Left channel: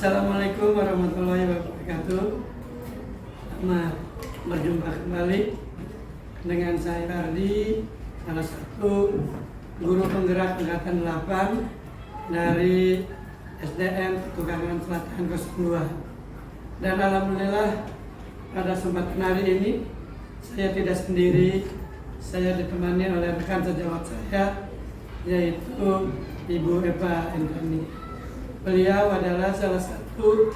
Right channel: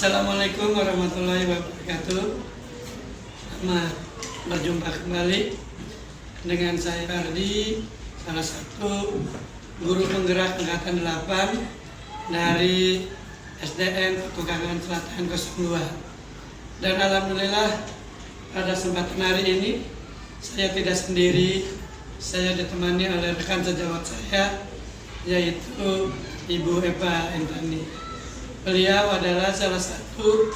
Assalamualaikum warahmatullahi wabarakatuh. Selamat berjumpa kembali dengan saya Fardi, salah satu guru penggerak angkatan 8 dari SDN Petukangan Selatan 02. Dan alhamdulillah pada kesempatan hari ini saya tidak sendiri, saya ditemani oleh rekan sejawat saya, yaitu Ibu Eva Intani. Beliau adalah salah satu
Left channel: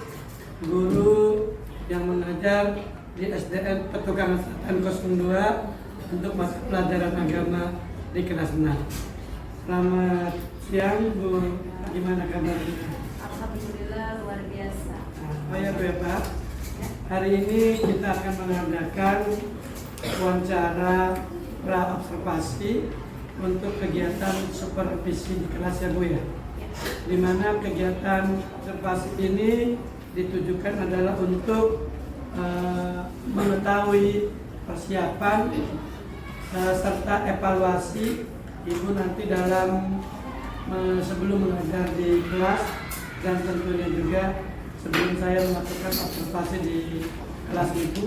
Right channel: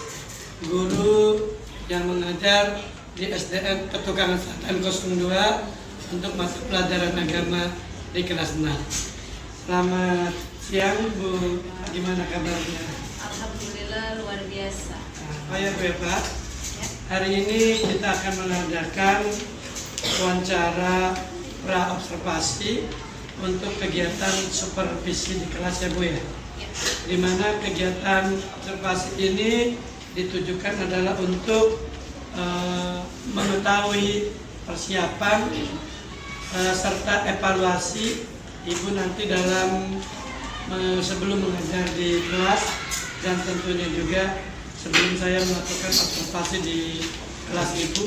guru yang mengajar di SDN Petukangan Selatan 02 untuk mata pelajaran agama di kelas 6. Selamat siang Bu, gimana kabarnya? Alhamdulillah luar biasa. Oh ya Bu Eva, hari ini kita akan mengadakan wawancara pra-observasi untuk kegiatan supervisi di kelas ya Bu ya. Di mana kegiatan observasi ini ditujukan adalah untuk mengetahui persiapan serta evaluasi Ibu nanti dalam sebelum mengajar di kelas, dan tentunya juga sebelum saya melakukan observasi di kelas Ibu,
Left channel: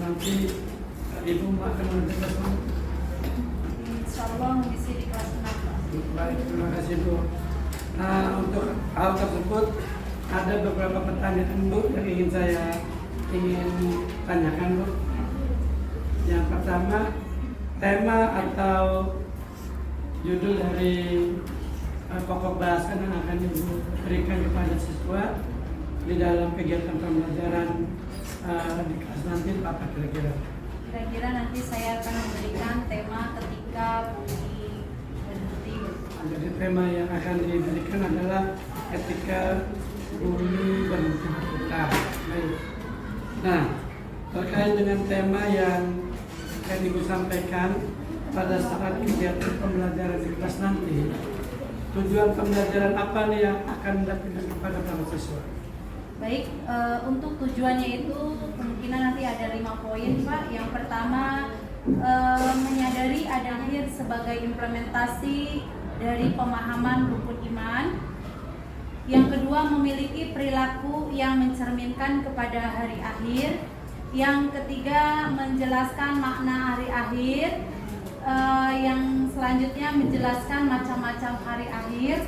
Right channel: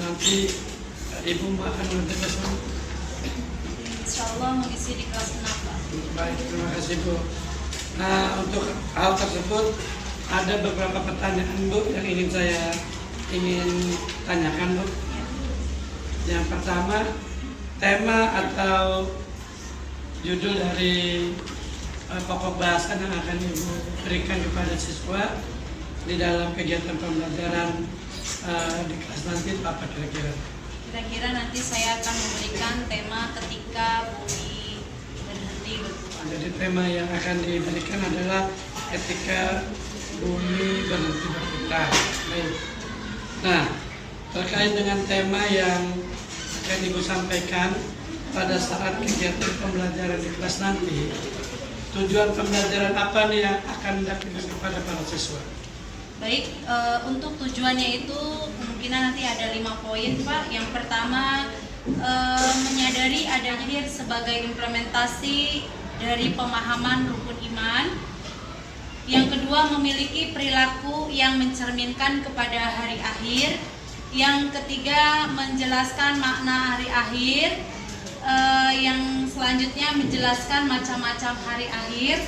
nanti Ibu akan mengajar kelas mana? Insya Allah mengisi di kelas 6 Pak. Baik, terima kasih Bu. Nah, untuk hal tersebut ada beberapa pertanyaan Bu yang ingin saya tanyakan Bu. Yang pertama, tema atau judul dari pokok bahasan yang akan Ibu berikan kepada siswa di dalam kegiatan pembelajaran di kelas nanti apa kira-kira? Kira-kira nanti saya akan memberikan tema ketika bumi berhenti berputar. Jadi tema yang akan diberikan adalah ketika bumi berhenti berputar. Baik. Nah, terkait dengan tema yang akan Ibu sampaikan pada saat kegiatan pembelajaran di kelas nanti, tujuan pembelajaran apa nih yang akan dilakukan kepada para siswa? Baik, untuk tujuannya itu kemungkinan nanti ada 5 poin Pak. Yang pertama, menyadari adanya sebagai implementasi dari pemahaman rukun iman. Yang kedua, memiliki perilaku yang mencerminkan kepada hari akhir. Yang ketiga, menjelaskan makna hari akhir. Yang selanjutnya menjelaskan macam-macam hari akhir.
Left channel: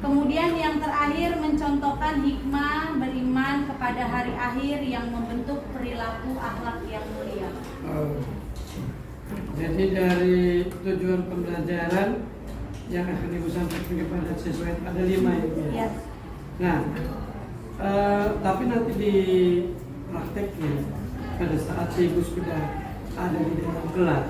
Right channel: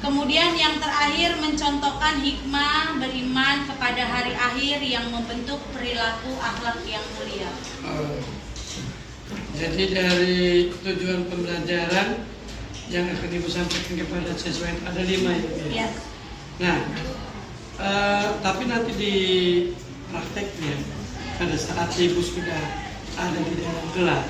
Kemudian yang terakhir, mencontohkan hikmah beriman kepada hari akhir yang membentuk perilaku akhlak yang mulia. Jadi dari tujuan pembelajaran yang akan Ibu sampaikan kepada siswa itu ada 5 ya? Ya. Nah, tapi nanti di prakteknya pada saat Ibu sudah ada di dalam kelas,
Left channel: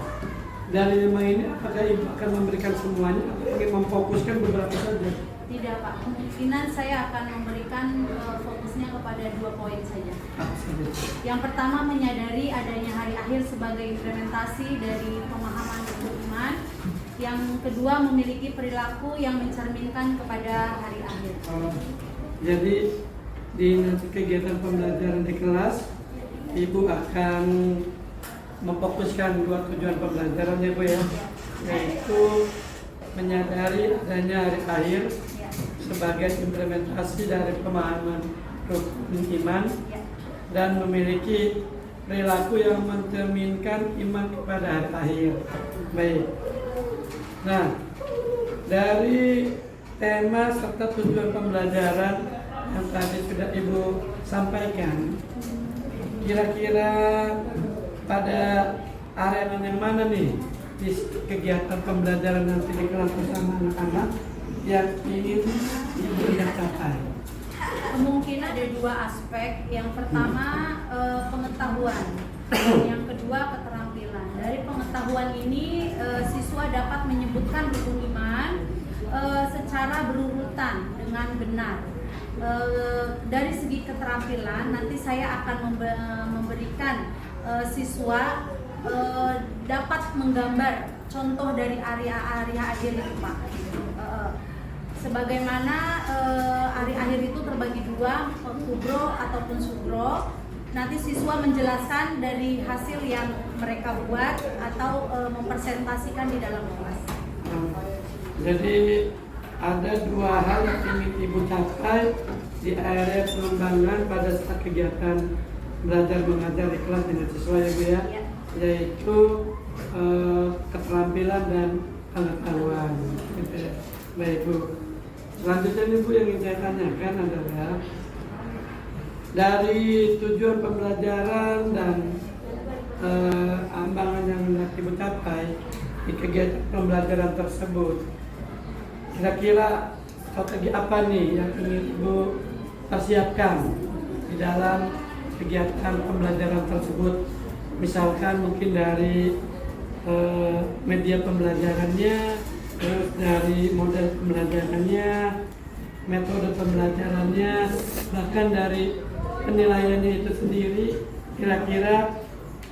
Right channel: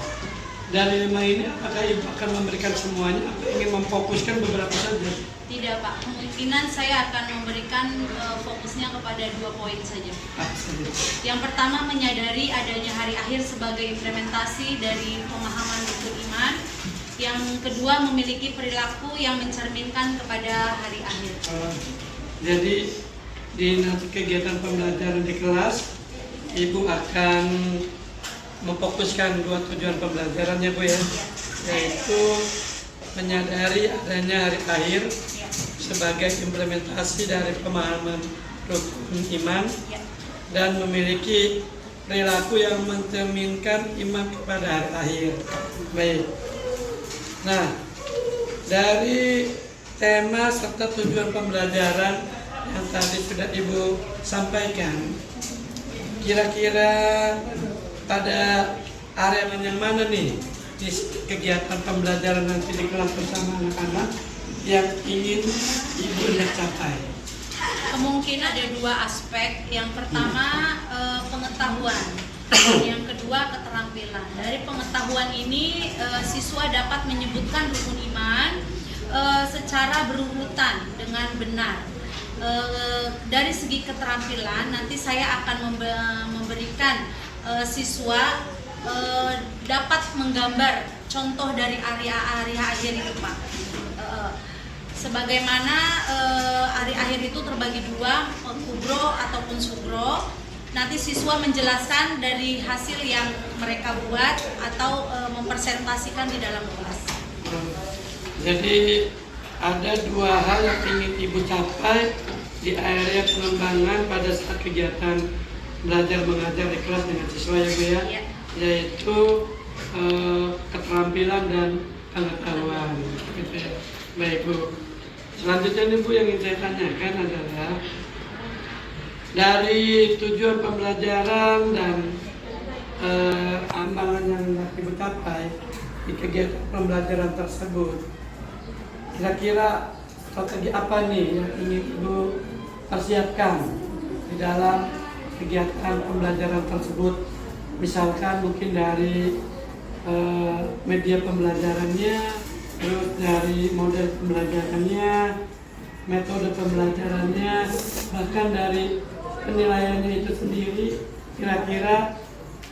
dari 5 ini apakah Ibu akan memberikan semuanya atau ingin memfokuskan beberapa saja? Tidak Pak, kemungkinan saya akan memberikan fokusnya kepada 2 poin saja. Apa saja? Yang pertama, menyadari adanya hari akhir sebagai implementasi dari pemahaman rukun iman. Yang kedua, memiliki perilaku yang mencerminkan kepada hari akhir. Jadi di nanti kegiatan pembelajaran di kelas, Ibu akan memfokuskan 2 tujuan pembelajarannya Bu ya, yaitu menyadari adanya hari akhir sebagai implementasi dari pemahaman rukun iman dan memiliki perilaku yang mencerminkan iman kepada hari akhir. Baik. Nah, dari tema serta tujuan pembelajaran yang tadi sudah Ibu sampaikan, kira-kira pada area yang mana nih di kegiatan pembelajaran nanti di kelas bersama anak-anak yang ingin Ibu hendak capai? Kemungkinan ada 2 aspek. Yang pertama, pengetahuan. Yang kedua, keterampilan. Dari pengetahuan ini, siswa dapat menyebutkan rukun iman secara berurutan dengan benar. Dari segi keterampilan, nanti saya akan memberikan siswa dapat menggambar contoh dari area akhir itu Pak. Sebagaimana hari akhir itu terbagi 2, kubro ataupun sugro. Nanti siswa menjelaskan dari hasil yang mereka buat atau mempresentasikan di dalam kelas. Jadi ada 2 hal yang ingin Ibu capai di area pengembangan pada saat kegiatan belajar mengajar di kelas dengan siswa ya Bu ya, Ya. yaitu keterampilan dan pengetahuan gitu ya. Baik Bu, selanjutnya nih Bu yang ingin saya tanyakan adalah dari tujuan pembelajaran dan ambangan yang hendak Ibu capai di kegiatan pembelajaran tersebut, kira-kira strategi apa nih yang ingin Ibu persiapkan di dalam kegiatan pembelajaran tersebut? Misalkan mungkin dari media pembelajarannya, terus dari model pembelajarannya, metode pembelajarannya, bahkan dari penilaiannya itu sendiri, kira-kira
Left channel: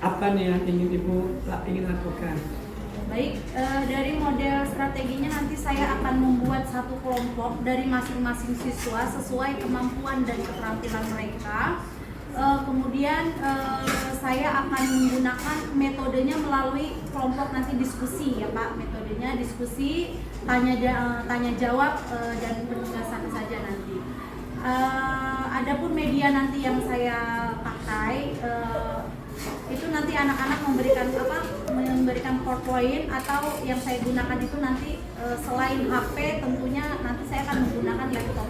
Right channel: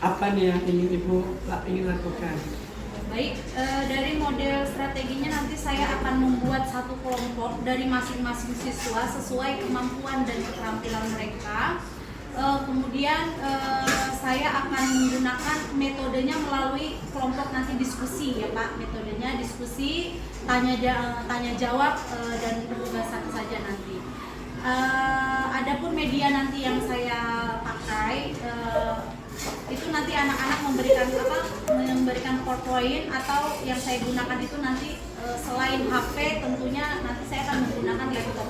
apa nih yang ingin Ibu ingin lakukan? Baik, dari model strateginya nanti saya akan membuat satu kelompok dari masing-masing siswa sesuai kemampuan dan keterampilan mereka. Kemudian saya akan menggunakan metodenya melalui kelompok nanti diskusi ya Pak. Metodenya diskusi, tanya jawab dan penugasan saja nanti. Adapun media nanti yang saya pakai itu nanti anak-anak memberikan PowerPoint, atau yang saya gunakan itu nanti selain HP tentunya nanti saya akan menggunakan laptop.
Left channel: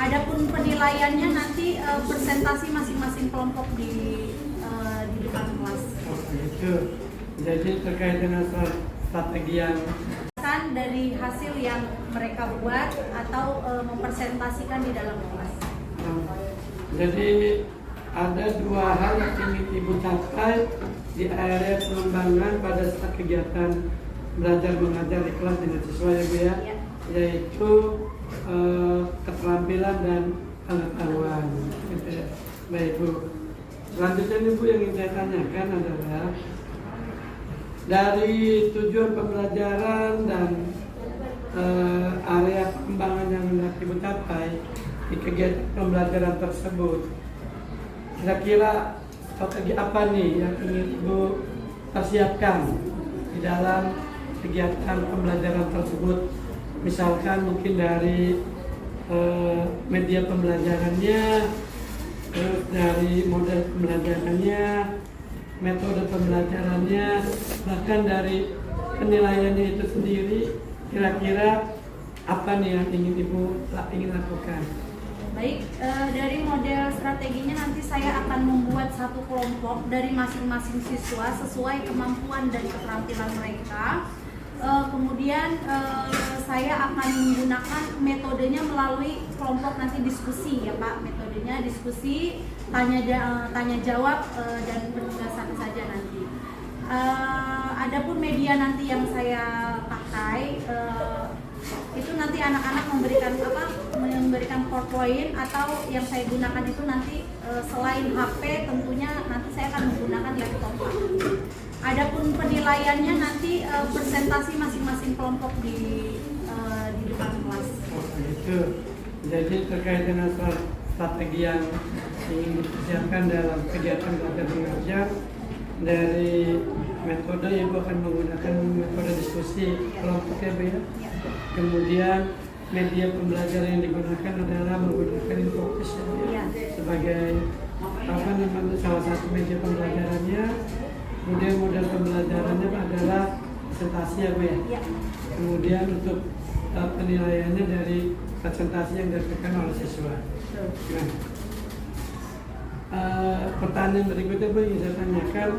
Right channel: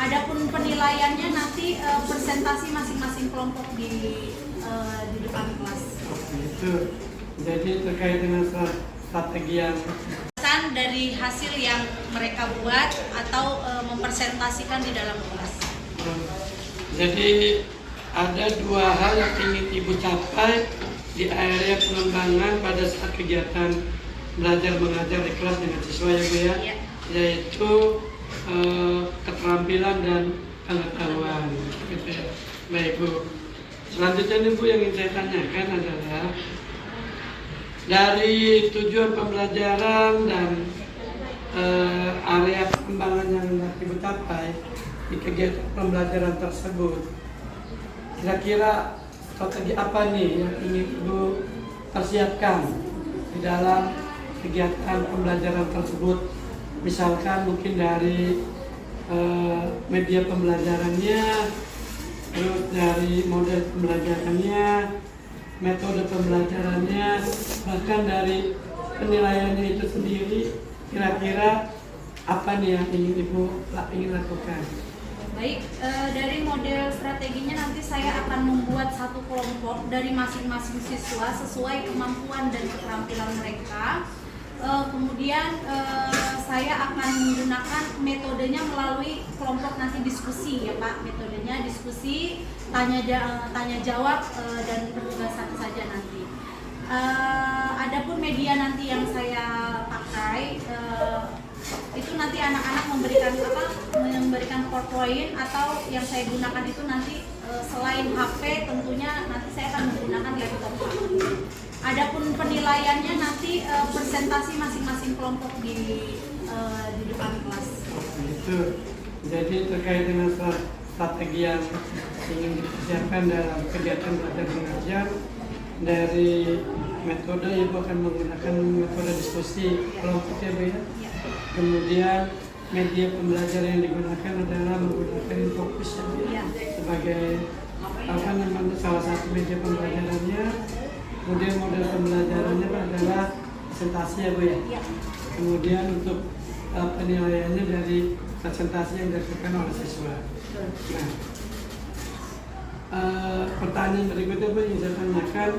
Adapun penilaiannya nanti presentasi masing-masing kelompok di depan kelas. Oh itu. Jadi terkait dengan strategi yang Dari hasil yang mereka buat atau mempresentasikan di dalam kelas. Jadi ada dua hal yang ingin Ibu capai di area pengembangan pada saat kegiatan belajar mengajar di kelas dengan siswa ya Bu ya, Ya. yaitu keterampilan dan pengetahuan gitu ya. Baik Bu, selanjutnya nih Bu yang ingin saya tanyakan adalah dari tujuan pembelajaran dan area pengembangan yang hendak Ibu capai di kegiatan pembelajaran tersebut, kira-kira strategi apa nih yang ingin Ibu persiapkan di dalam kegiatan pembelajaran tersebut? Misalkan mungkin dari media pembelajarannya, terus dari model pembelajarannya, metode pembelajarannya, bahkan dari penilaiannya itu sendiri, kira-kira apa nih yang ingin Ibu ingin lakukan? Baik, dari model strateginya nanti saya akan membuat satu kelompok dari masing-masing siswa sesuai kemampuan dan keterampilan mereka. Kemudian saya akan menggunakan metodenya melalui kelompok nanti diskusi ya Pak. Metodenya diskusi, tanya jawab dan penugasan saja nanti. Adapun media nanti yang saya pakai itu nanti anak-anak memberikan PowerPoint, atau yang saya gunakan itu nanti selain HP tentunya nanti saya akan menggunakan laptop. Adapun penilaiannya nanti presentasi masing-masing kelompok di depan kelas. Oh itu. Jadi terkait dengan strategi yang ingin dipersiapkan dalam kegiatan belajar mengajar, dari metode Ibu akan menggunakan metode diskusi kelompok ya Bu ya. Kemudian media pembelajaran yang digunakan adalah menggunakan Infocus ya Bu ya, sebagai salah satu media pembelajarannya. Kemudian model pembelajarannya adalah presentasi ya Bu ya. Kemudian untuk penilaiannya dari presentasi yang dilakukan oleh siswa. Nah, pertanyaan berikutnya Bu yang saya tanyakan,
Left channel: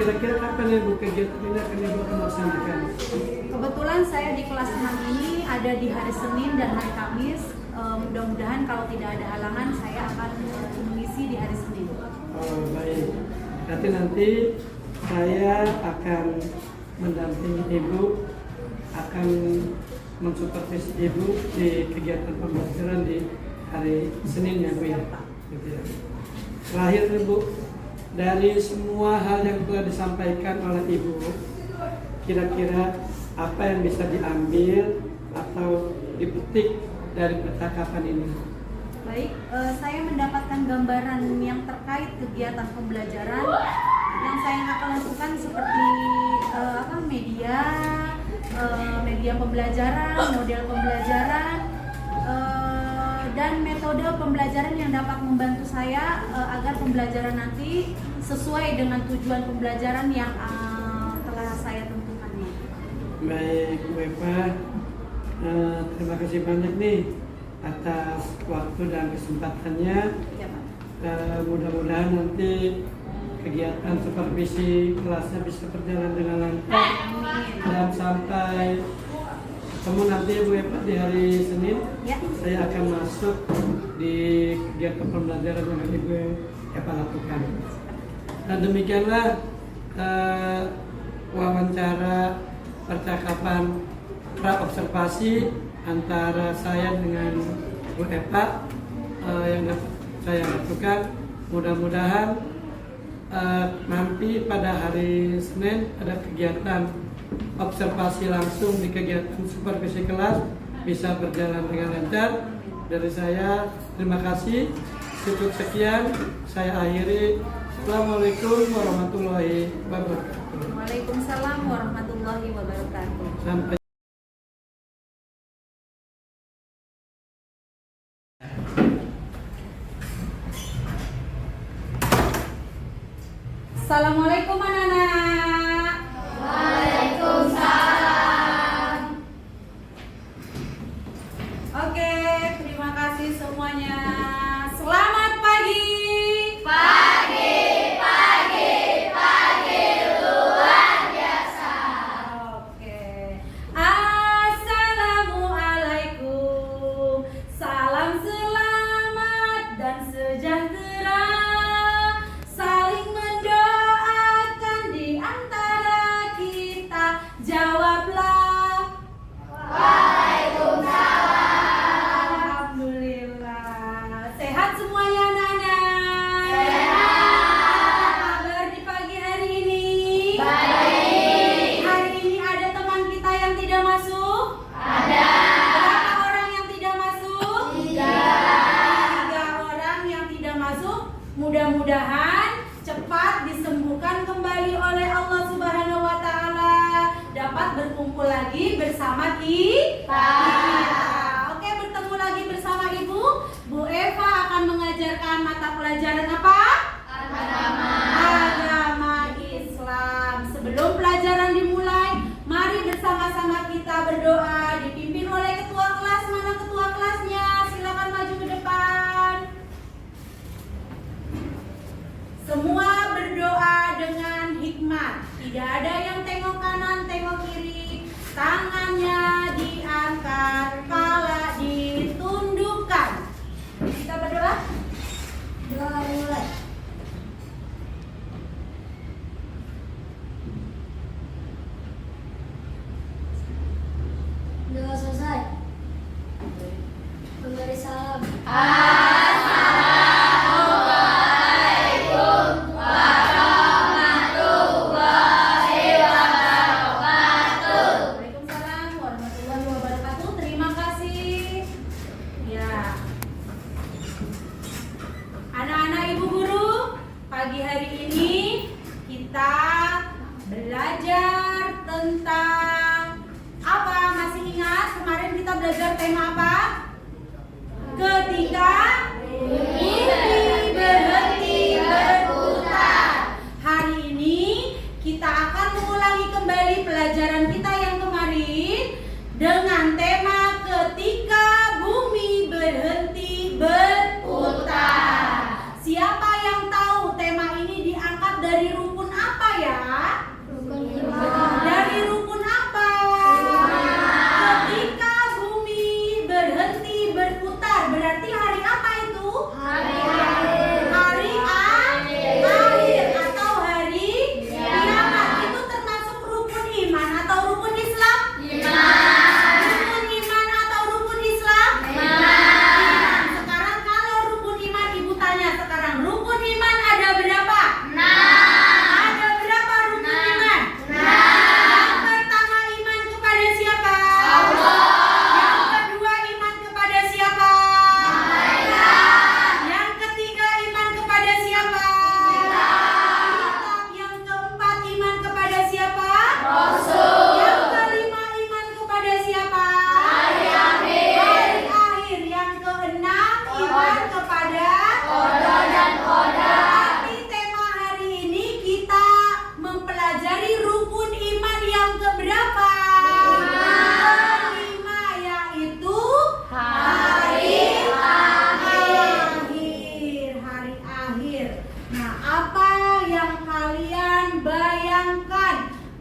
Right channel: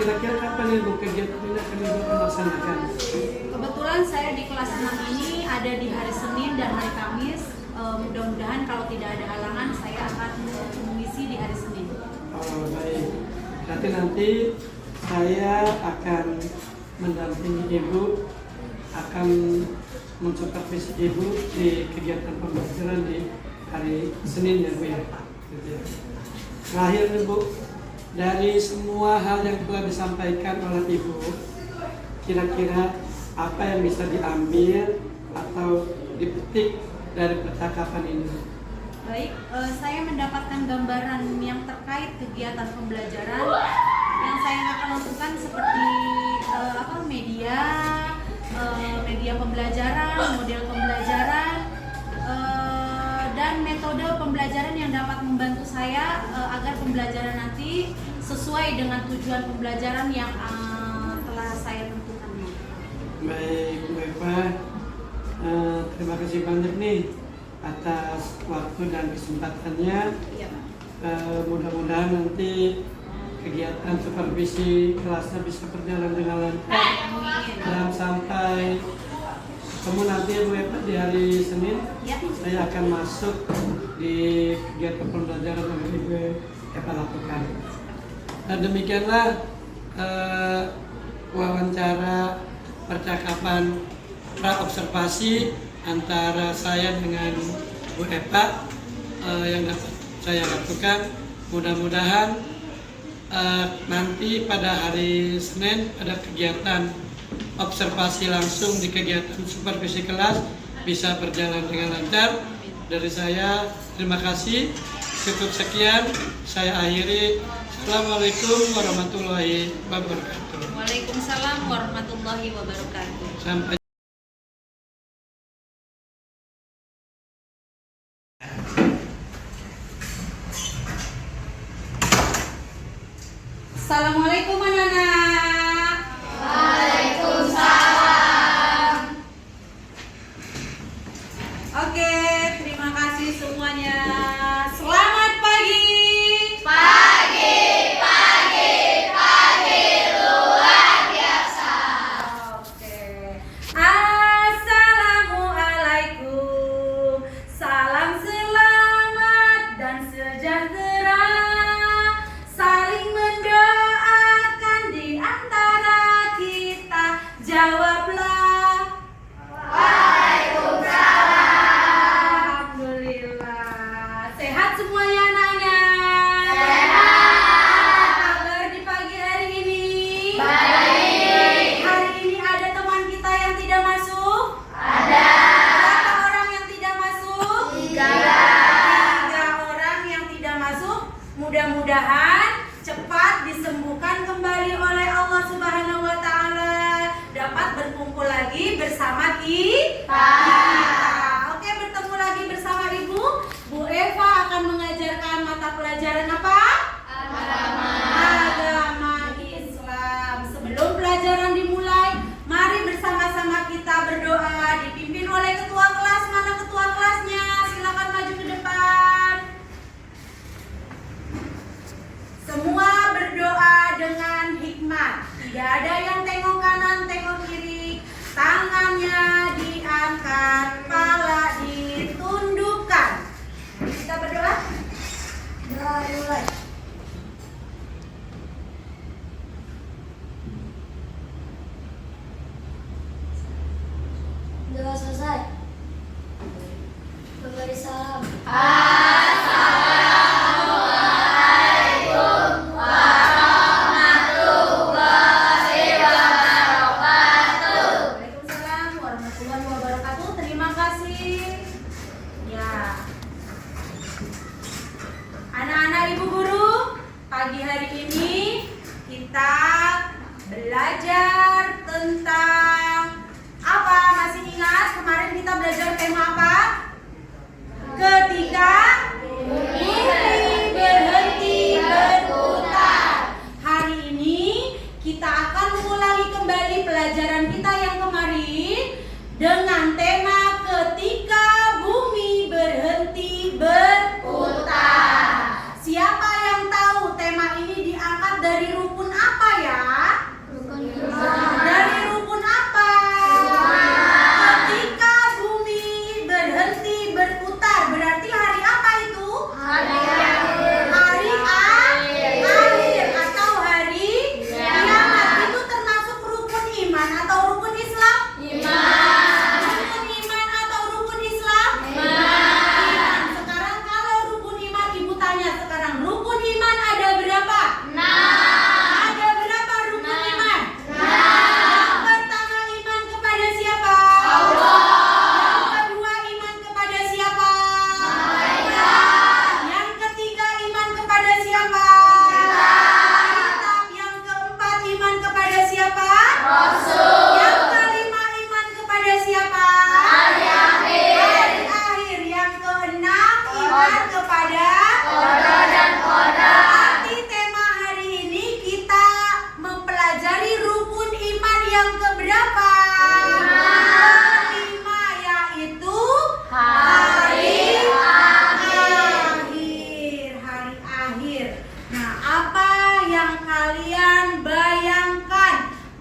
kira-kira kapan Ibu kegiatan ini akan Ibu laksanakan? Kebetulan saya di kelas 6 ini ada di hari Senin dan hari Kamis. Mudah-mudahan kalau tidak ada halangan saya akan mengisi di hari Senin. Oh baik, berarti nanti saya akan mendampingi Ibu, akan mensupervisi Ibu di kegiatan pembelajaran di hari Senin ya Bu ya. Gitu ya. Terakhir nih Bu, dari semua hal yang telah disampaikan oleh Ibu, kira-kira apa yang bisa diambil atau dipetik dari percakapan ini? Baik, saya mendapatkan gambaran yang terkait kegiatan pembelajaran yang saya akan lakukan seperti media pembelajaran, model pembelajaran, dan metode pembelajaran yang dapat membantu saya agar pembelajaran nanti sesuai dengan tujuan pembelajaran yang telah saya tentukan. Baik Bu Eva, terima kasih banyak nih atas waktu dan kesempatannya. Ya, Pak. Mudah-mudahan nanti kegiatan supervisi kelasnya bisa berjalan dengan lancar dan sampai ketemu nanti Bu Eva di hari Senin. Ya. Saya akan masuk di kegiatan pembelajaran yang Ibu Eva lakukan. Nah, demikianlah wawancara percakapan pra-observasi antara saya dengan Bu Eva yang dapat saya lakukan. Mudah-mudahan nanti pada hari Senin ada kegiatan observasi langsung di kegiatan supervisi kelas bisa berjalan dengan lancar. Dari saya terima kasih. Cukup sekian, saya akhiri. Assalamualaikum warahmatullahi wabarakatuh. Waalaikumsalam warahmatullahi wabarakatuh. Sampai Assalamualaikum anak-anak. Waalaikumsalam. Oke, terima kasih semuanya. Selamat pagi. Pagi luar biasa. Oke. Assalamualaikum. Salam selamat dan sejahtera. Saling mendoakan di antara kita. Jawablah. Alhamdulillah. Sehat semuanya anaknya? Sehat. Kabar di pagi hari ini? Baik. Hari ini ada teman kita yang tidak masuk? Ada. Berapa orang yang tidak masuk? 3 orang yang tidak masuk. Mudah-mudahan cepat disembuhkan kembali oleh Allah Subhanahu wa taala, dapat berkumpul lagi bersama kita. Oke, bertemu lagi bersama Ibu. Bu Eva akan mengajarkan mata pelajaran apa? Agama Islam. Sebelum pelajaran dimulai, mari bersama-sama kita berdoa dipimpin oleh ketua kelas. Mana ketua kelasnya? Silakan maju ke depan. Semua berdoa dengan hikmat. Tidak ada yang tengok kanan, tengok kiri. Tangannya diangkat, kepala ditundukkan. Kita berdoa. Doa mulai. Doa selesai. Memberi salam. Waalaikumsalam warahmatullahi wabarakatuh. Terima kasih. Ya. Anak-anak Ibu Guru, pagi hari ini kita belajar tentang apa? Masih ingat kemarin kita belajar tema apa? Ketika bumi berhenti berputar. Hari ini kita akan mengulangi kembali pelajaran kita yang kemarin dengan tema ketika bumi berhenti berputar. Siapa yang tahu tema ini diangkat dari rukun apa ya? Dari rukun apa? Ketika bumi berhenti berputar, berarti hari apa itu? Hari akhir atau hari kiamat. Itu termasuk rukun iman atau rukun Islam? Rukun iman atau rukun Islam? Iman. Sekarang kalau rukun iman, Ibu tanya sekarang, rukun iman ada berapa? Ada berapa rukun iman? Yang pertama, iman kepada siapa? Yang kedua, iman kepada siapa? Yang ketiga, iman kepada siapa? Kitab. Yang keempat, iman kepada siapa? Yang kelima, iman kepada siapa? Hari akhir. Yang keenam,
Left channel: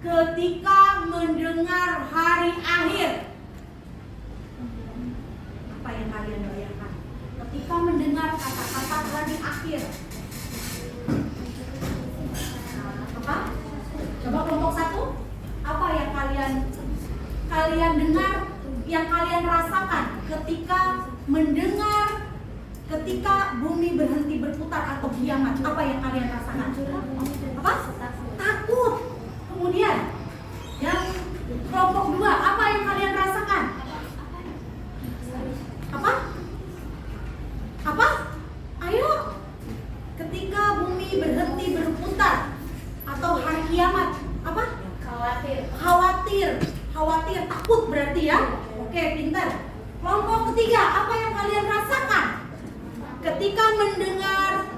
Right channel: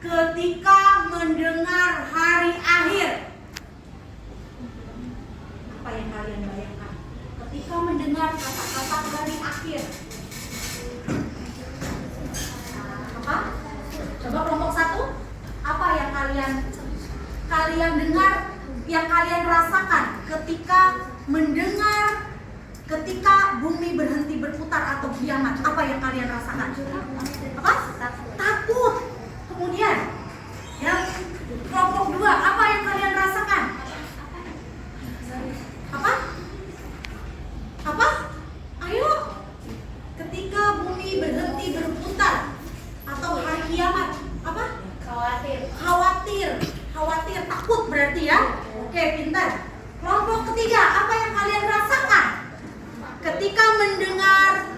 ketika mendengar hari akhir. Apa yang kalian bayangkan ketika mendengar kata-kata hari akhir? Apa? Coba kelompok 1. Apa yang kalian dengar, yang kalian rasakan ketika mendengar ketika bumi berhenti berputar atau kiamat? Apa yang kalian rasakan? Apa? Takut. Kemudian yang kelompok 2, apa yang kalian rasakan? Apa? Apa? Ayo. Ketika bumi berhenti berputar atau hari kiamat, apa? Khawatir, takut berarti ya. Oke, pintar. Kelompok ketiga, apa yang kalian rasakan ketika mendengar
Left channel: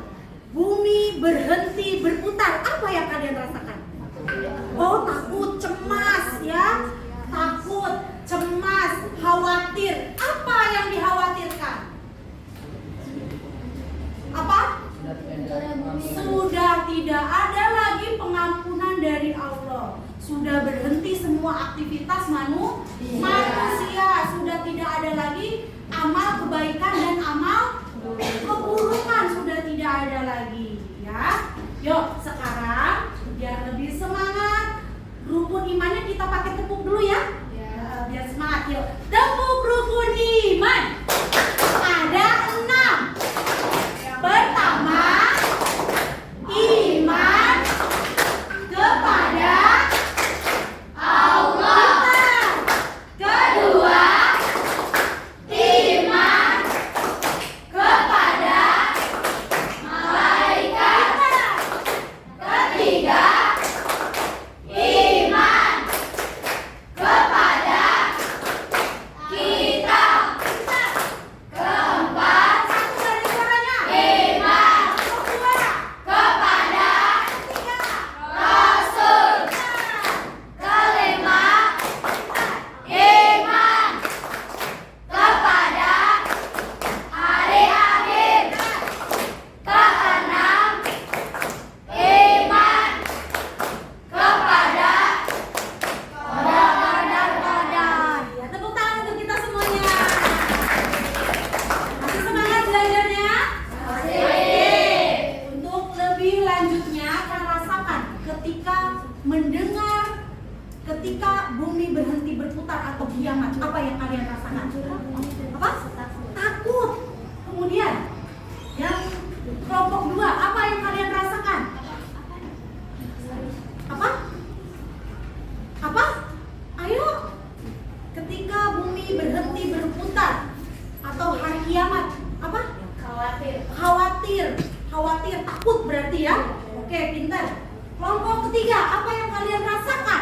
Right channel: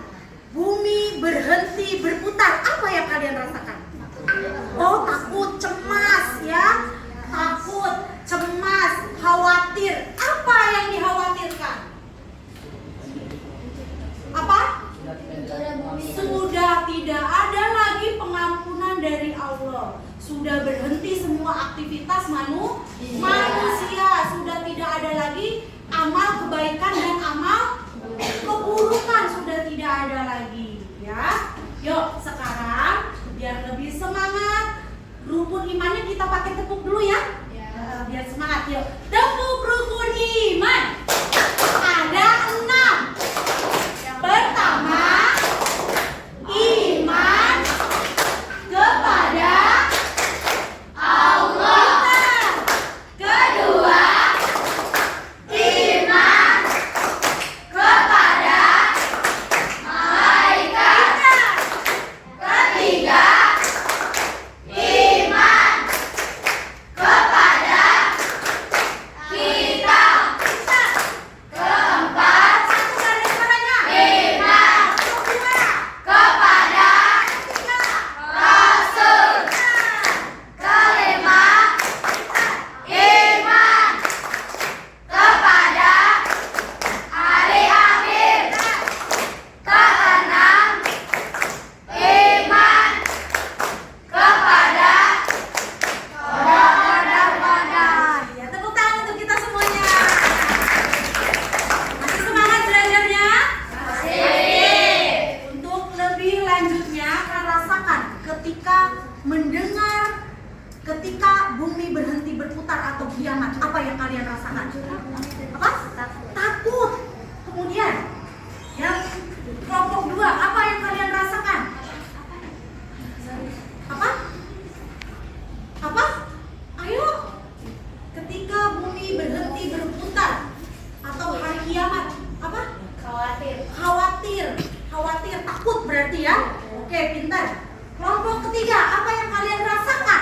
bumi berhenti berputar? Apa yang kalian rasakan? Oh, takut, cemas ya. Takut, cemas, khawatir. Apa yang dikhawatirkan? Apa? Sudah tidak ada lagi pengampunan dari Allah. Sudah berhenti semua aktivitas manusia. Sudah tidak ada lagi amal kebaikan dan amal keburukan. Sudah tidak ada lagi ya. Yuk sekarang biar lebih semangat, rukun imannya kita pakai tepuk dulu ya. Biar semangat yuk. Tepuk rukun iman. Ada 6. Pertama, iman kepada Allah. Kedua, iman kepada malaikat. Ketiga, iman kepada kitab. Keempat, iman kepada Rasul. Kelima, iman kepada hari akhir. Keenam, iman kepada qadar. Ya, tepuk tangan untuk kita semuanya. Masih semangat belajarnya? Masih. Untuk lebih lanjutnya, kita rasakan ketika mendengar ketika bumi berhenti berputar atau kiamat. Apa yang kalian rasakan? Apa? Takut. Kemudian yang kelompok 2, apa yang kalian rasakan? Apa? Apa? Ayo. Ketika bumi berhenti berputar atau hari kiamat, apa? Khawatir, takut berarti ya. Oke, pintar. Kelompok ketiga, apa yang kalian rasakan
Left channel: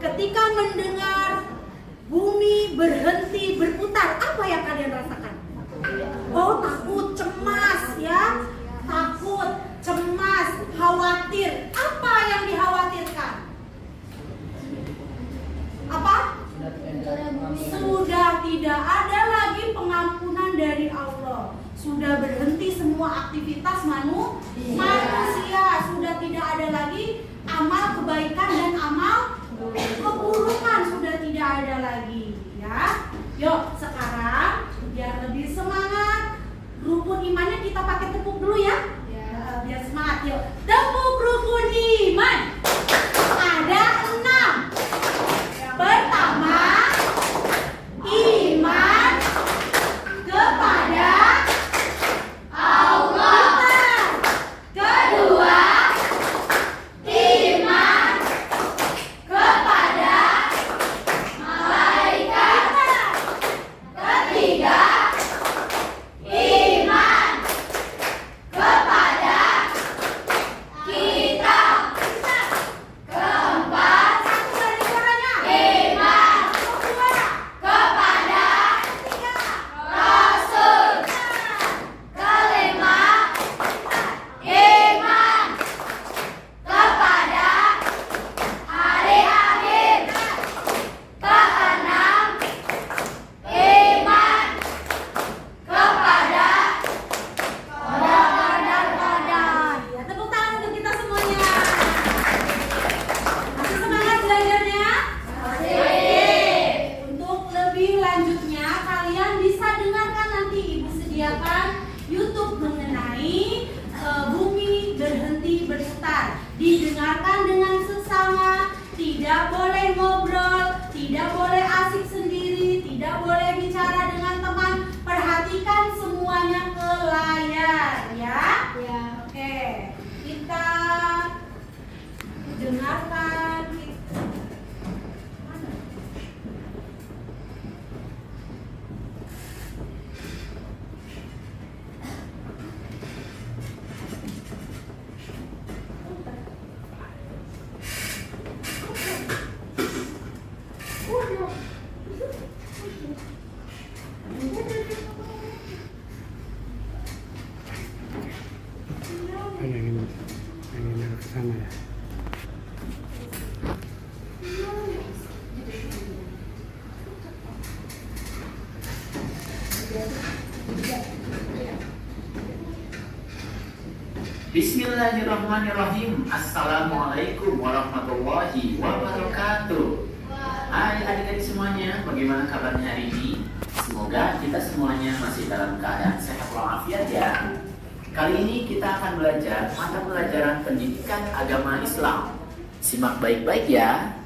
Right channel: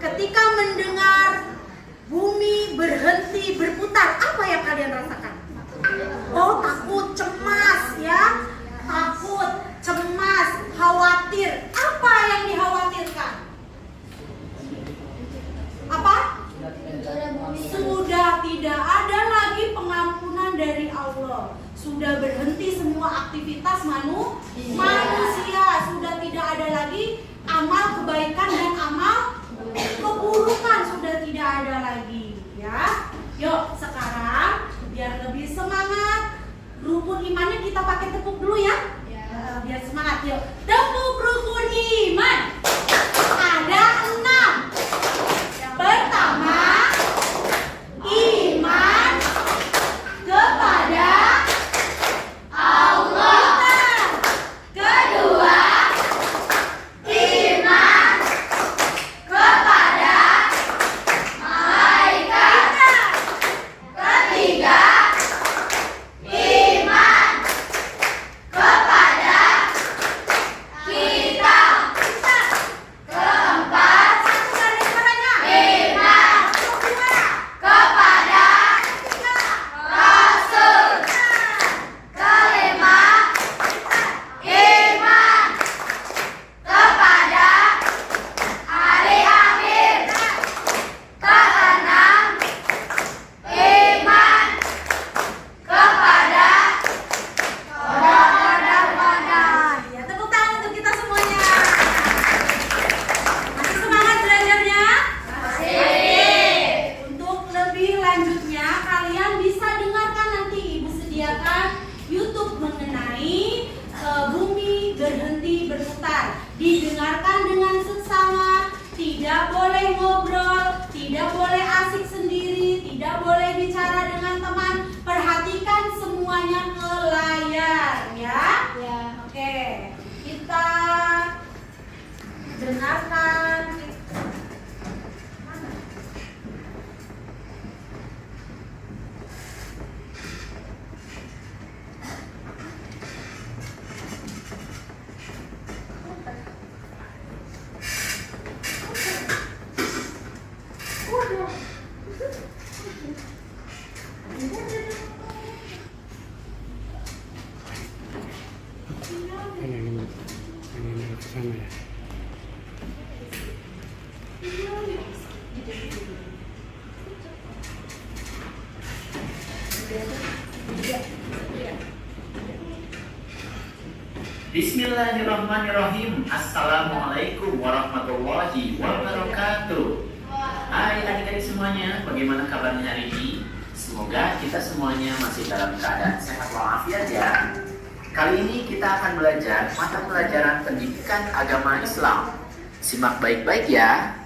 ketika mendengar bumi berhenti berputar? Apa yang kalian rasakan? Oh, takut, cemas ya. Takut, cemas, khawatir. Apa yang dikhawatirkan? Apa? Sudah tidak ada lagi pengampunan dari Allah. Sudah berhenti semua aktivitas manusia. Sudah tidak ada lagi amal kebaikan dan amal keburukan. Sudah tidak ada lagi ya. Yuk sekarang biar lebih semangat, rukun imannya kita pakai tepuk dulu ya. Biar semangat yuk. Tepuk rukun iman. Ada 6. Pertama, iman kepada Allah. Kedua, iman kepada malaikat. Ketiga, iman kepada kitab. tidak boleh ngobrol, tidak boleh asik sendiri, tidak boleh bicara dengan teman. Perhatikan semuanya ke layar ya. Ya. Oke, kita dengarkan. Ini ke sana ya. Bismillahirrahmanirrahim. Assalamualaikum warahmatullahi wabarakatuh. Hai adik-adik semuanya, bagaimana kabarnya hari ini? Semoga kita semuanya masih dalam keadaan sehat walafiat ya. Kali ini kita akan belajar mata pelajaran pendidikan agama Islam. Simak baik-baik ya.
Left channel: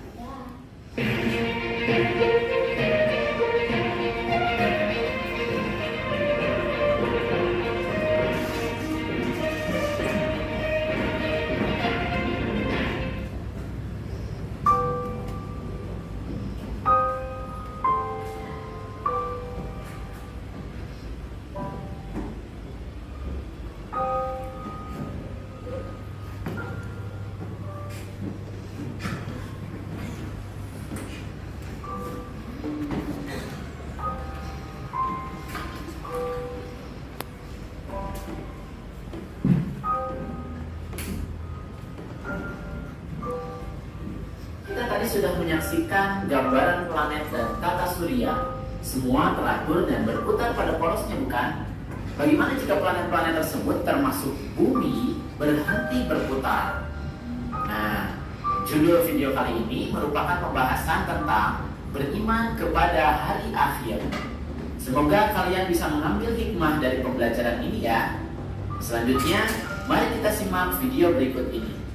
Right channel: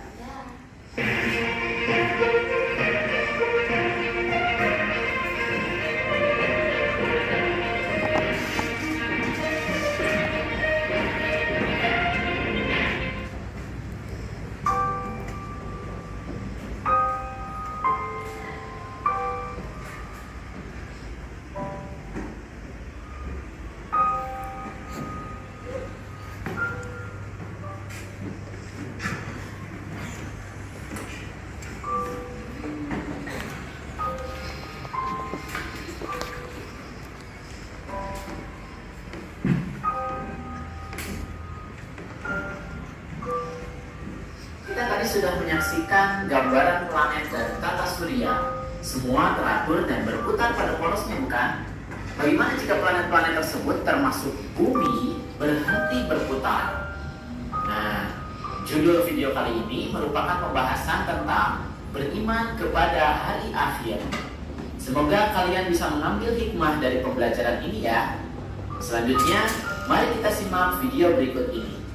Sudah menyaksikan gambaran planet dan tata surya. Semua teratur dan berputar pada porosnya, bukan? Bagaimana jika planet-planet tersebut termasuk bumi berhenti berputar? Nah, judul video kali ini merupakan pembahasan tentang beriman kepada hari akhir. Semoga kalian bisa mengambil hikmah dari pembelajaran ini ya. Selanjutnya, mari kita simak video berikut ini.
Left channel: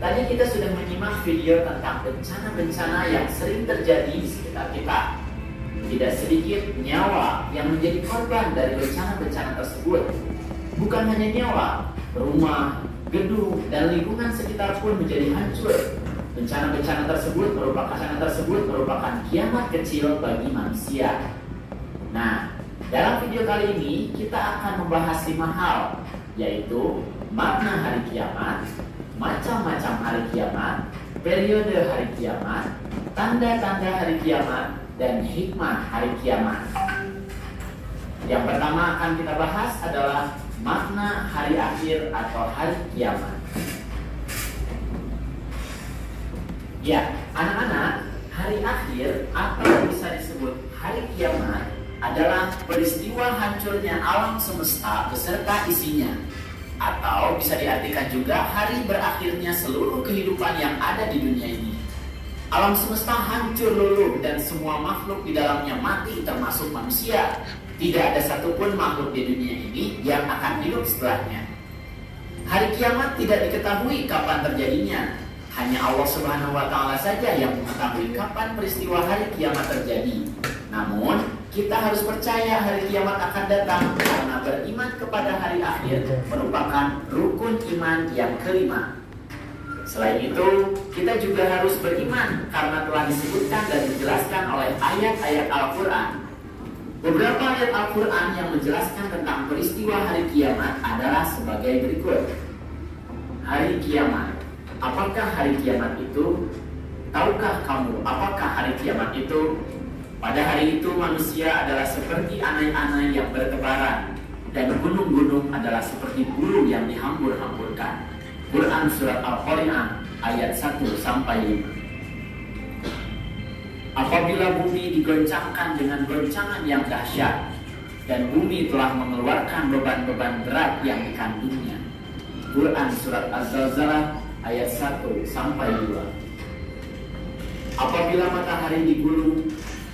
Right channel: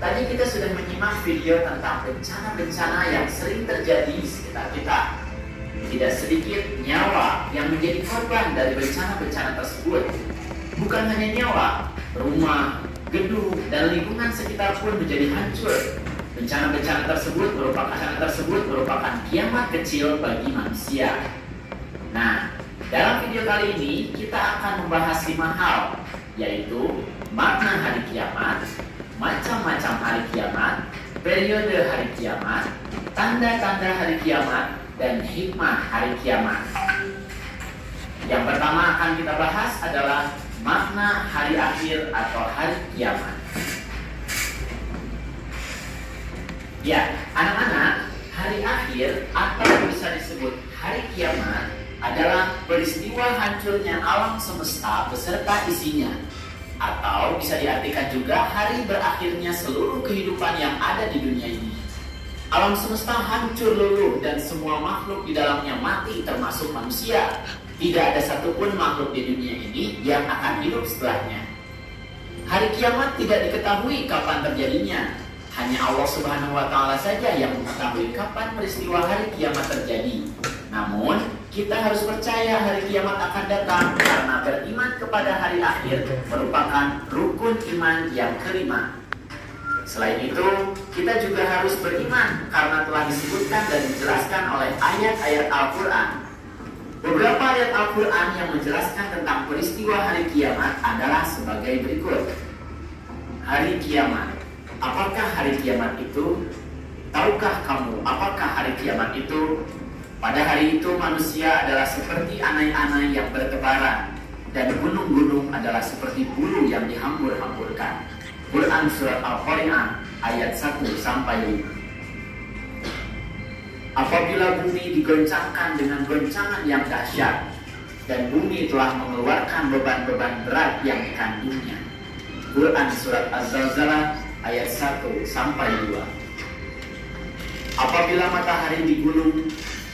Tadi kita sudah menyimak video tentang bencana-bencana yang sering terjadi di sekitar kita. Tidak sedikit nyawa yang menjadi korban dari bencana-bencana tersebut. Bukan hanya nyawa, rumah, gedung, dan lingkungan sekitar pun menjadi hancur. Bencana-bencana tersebut merupakan kiamat kecil bagi manusia. Nah, dalam video kali ini kita akan membahas 5 hal, yaitu makna hari kiamat, macam-macam hari kiamat, periode hari kiamat, tanda-tanda hari kiamat, dan hikmah hari kiamat. Yang pertama akan kita bahas adalah makna hari akhir atau hari kiamat. Ya, anak-anak, hari akhir atau bisa disebut hari kiamat adalah peristiwa hancurnya alam semesta beserta isinya. Atau bisa diartikan juga hari berakhirnya seluruh kehidupan yang ada di dunia ini. Alam semesta hancur luluh dan semua makhluk di dalamnya mati termasuk manusia. Tidak ada satupun makhluk di dunia ini yang akan hidup setelahnya. Hari kiamat tidak diketahui kapan terjadinya. Hanya Allah Subhanahu wa Ta'ala saja yang mengetahui kapan peristiwa hari kiamat terjadi. kita harus percaya hari kiamat akan datang karena beriman kepada hari akhir merupakan rukun iman yang kelima. Selain itu, kita juga harus beriman karena telah disebutkan dan dijelaskan oleh ayat-ayat Al-Quran. Beberapa ayat Al-Quran yang menjelaskan tentang peristiwa hari kiamat adalah sebagai berikut. Hari kiamat. Apakah hari kiamat itu? Tahukah kamu apakah hari kiamat itu? Pada hari itu manusia adalah seperti anai-anai yang bertebaran, dan gunung-gunung adalah seperti bulu yang dihambur-hamburkan. Quran Surat Al-Qari'ah ayat 1-5. Apabila bumi digoncangkan dengan goncangan yang dahsyat, dan bumi telah mengeluarkan beban-beban berat yang dikandungnya. Quran Surat Az-Zalzalah ayat 1-2. Apabila matahari digulung,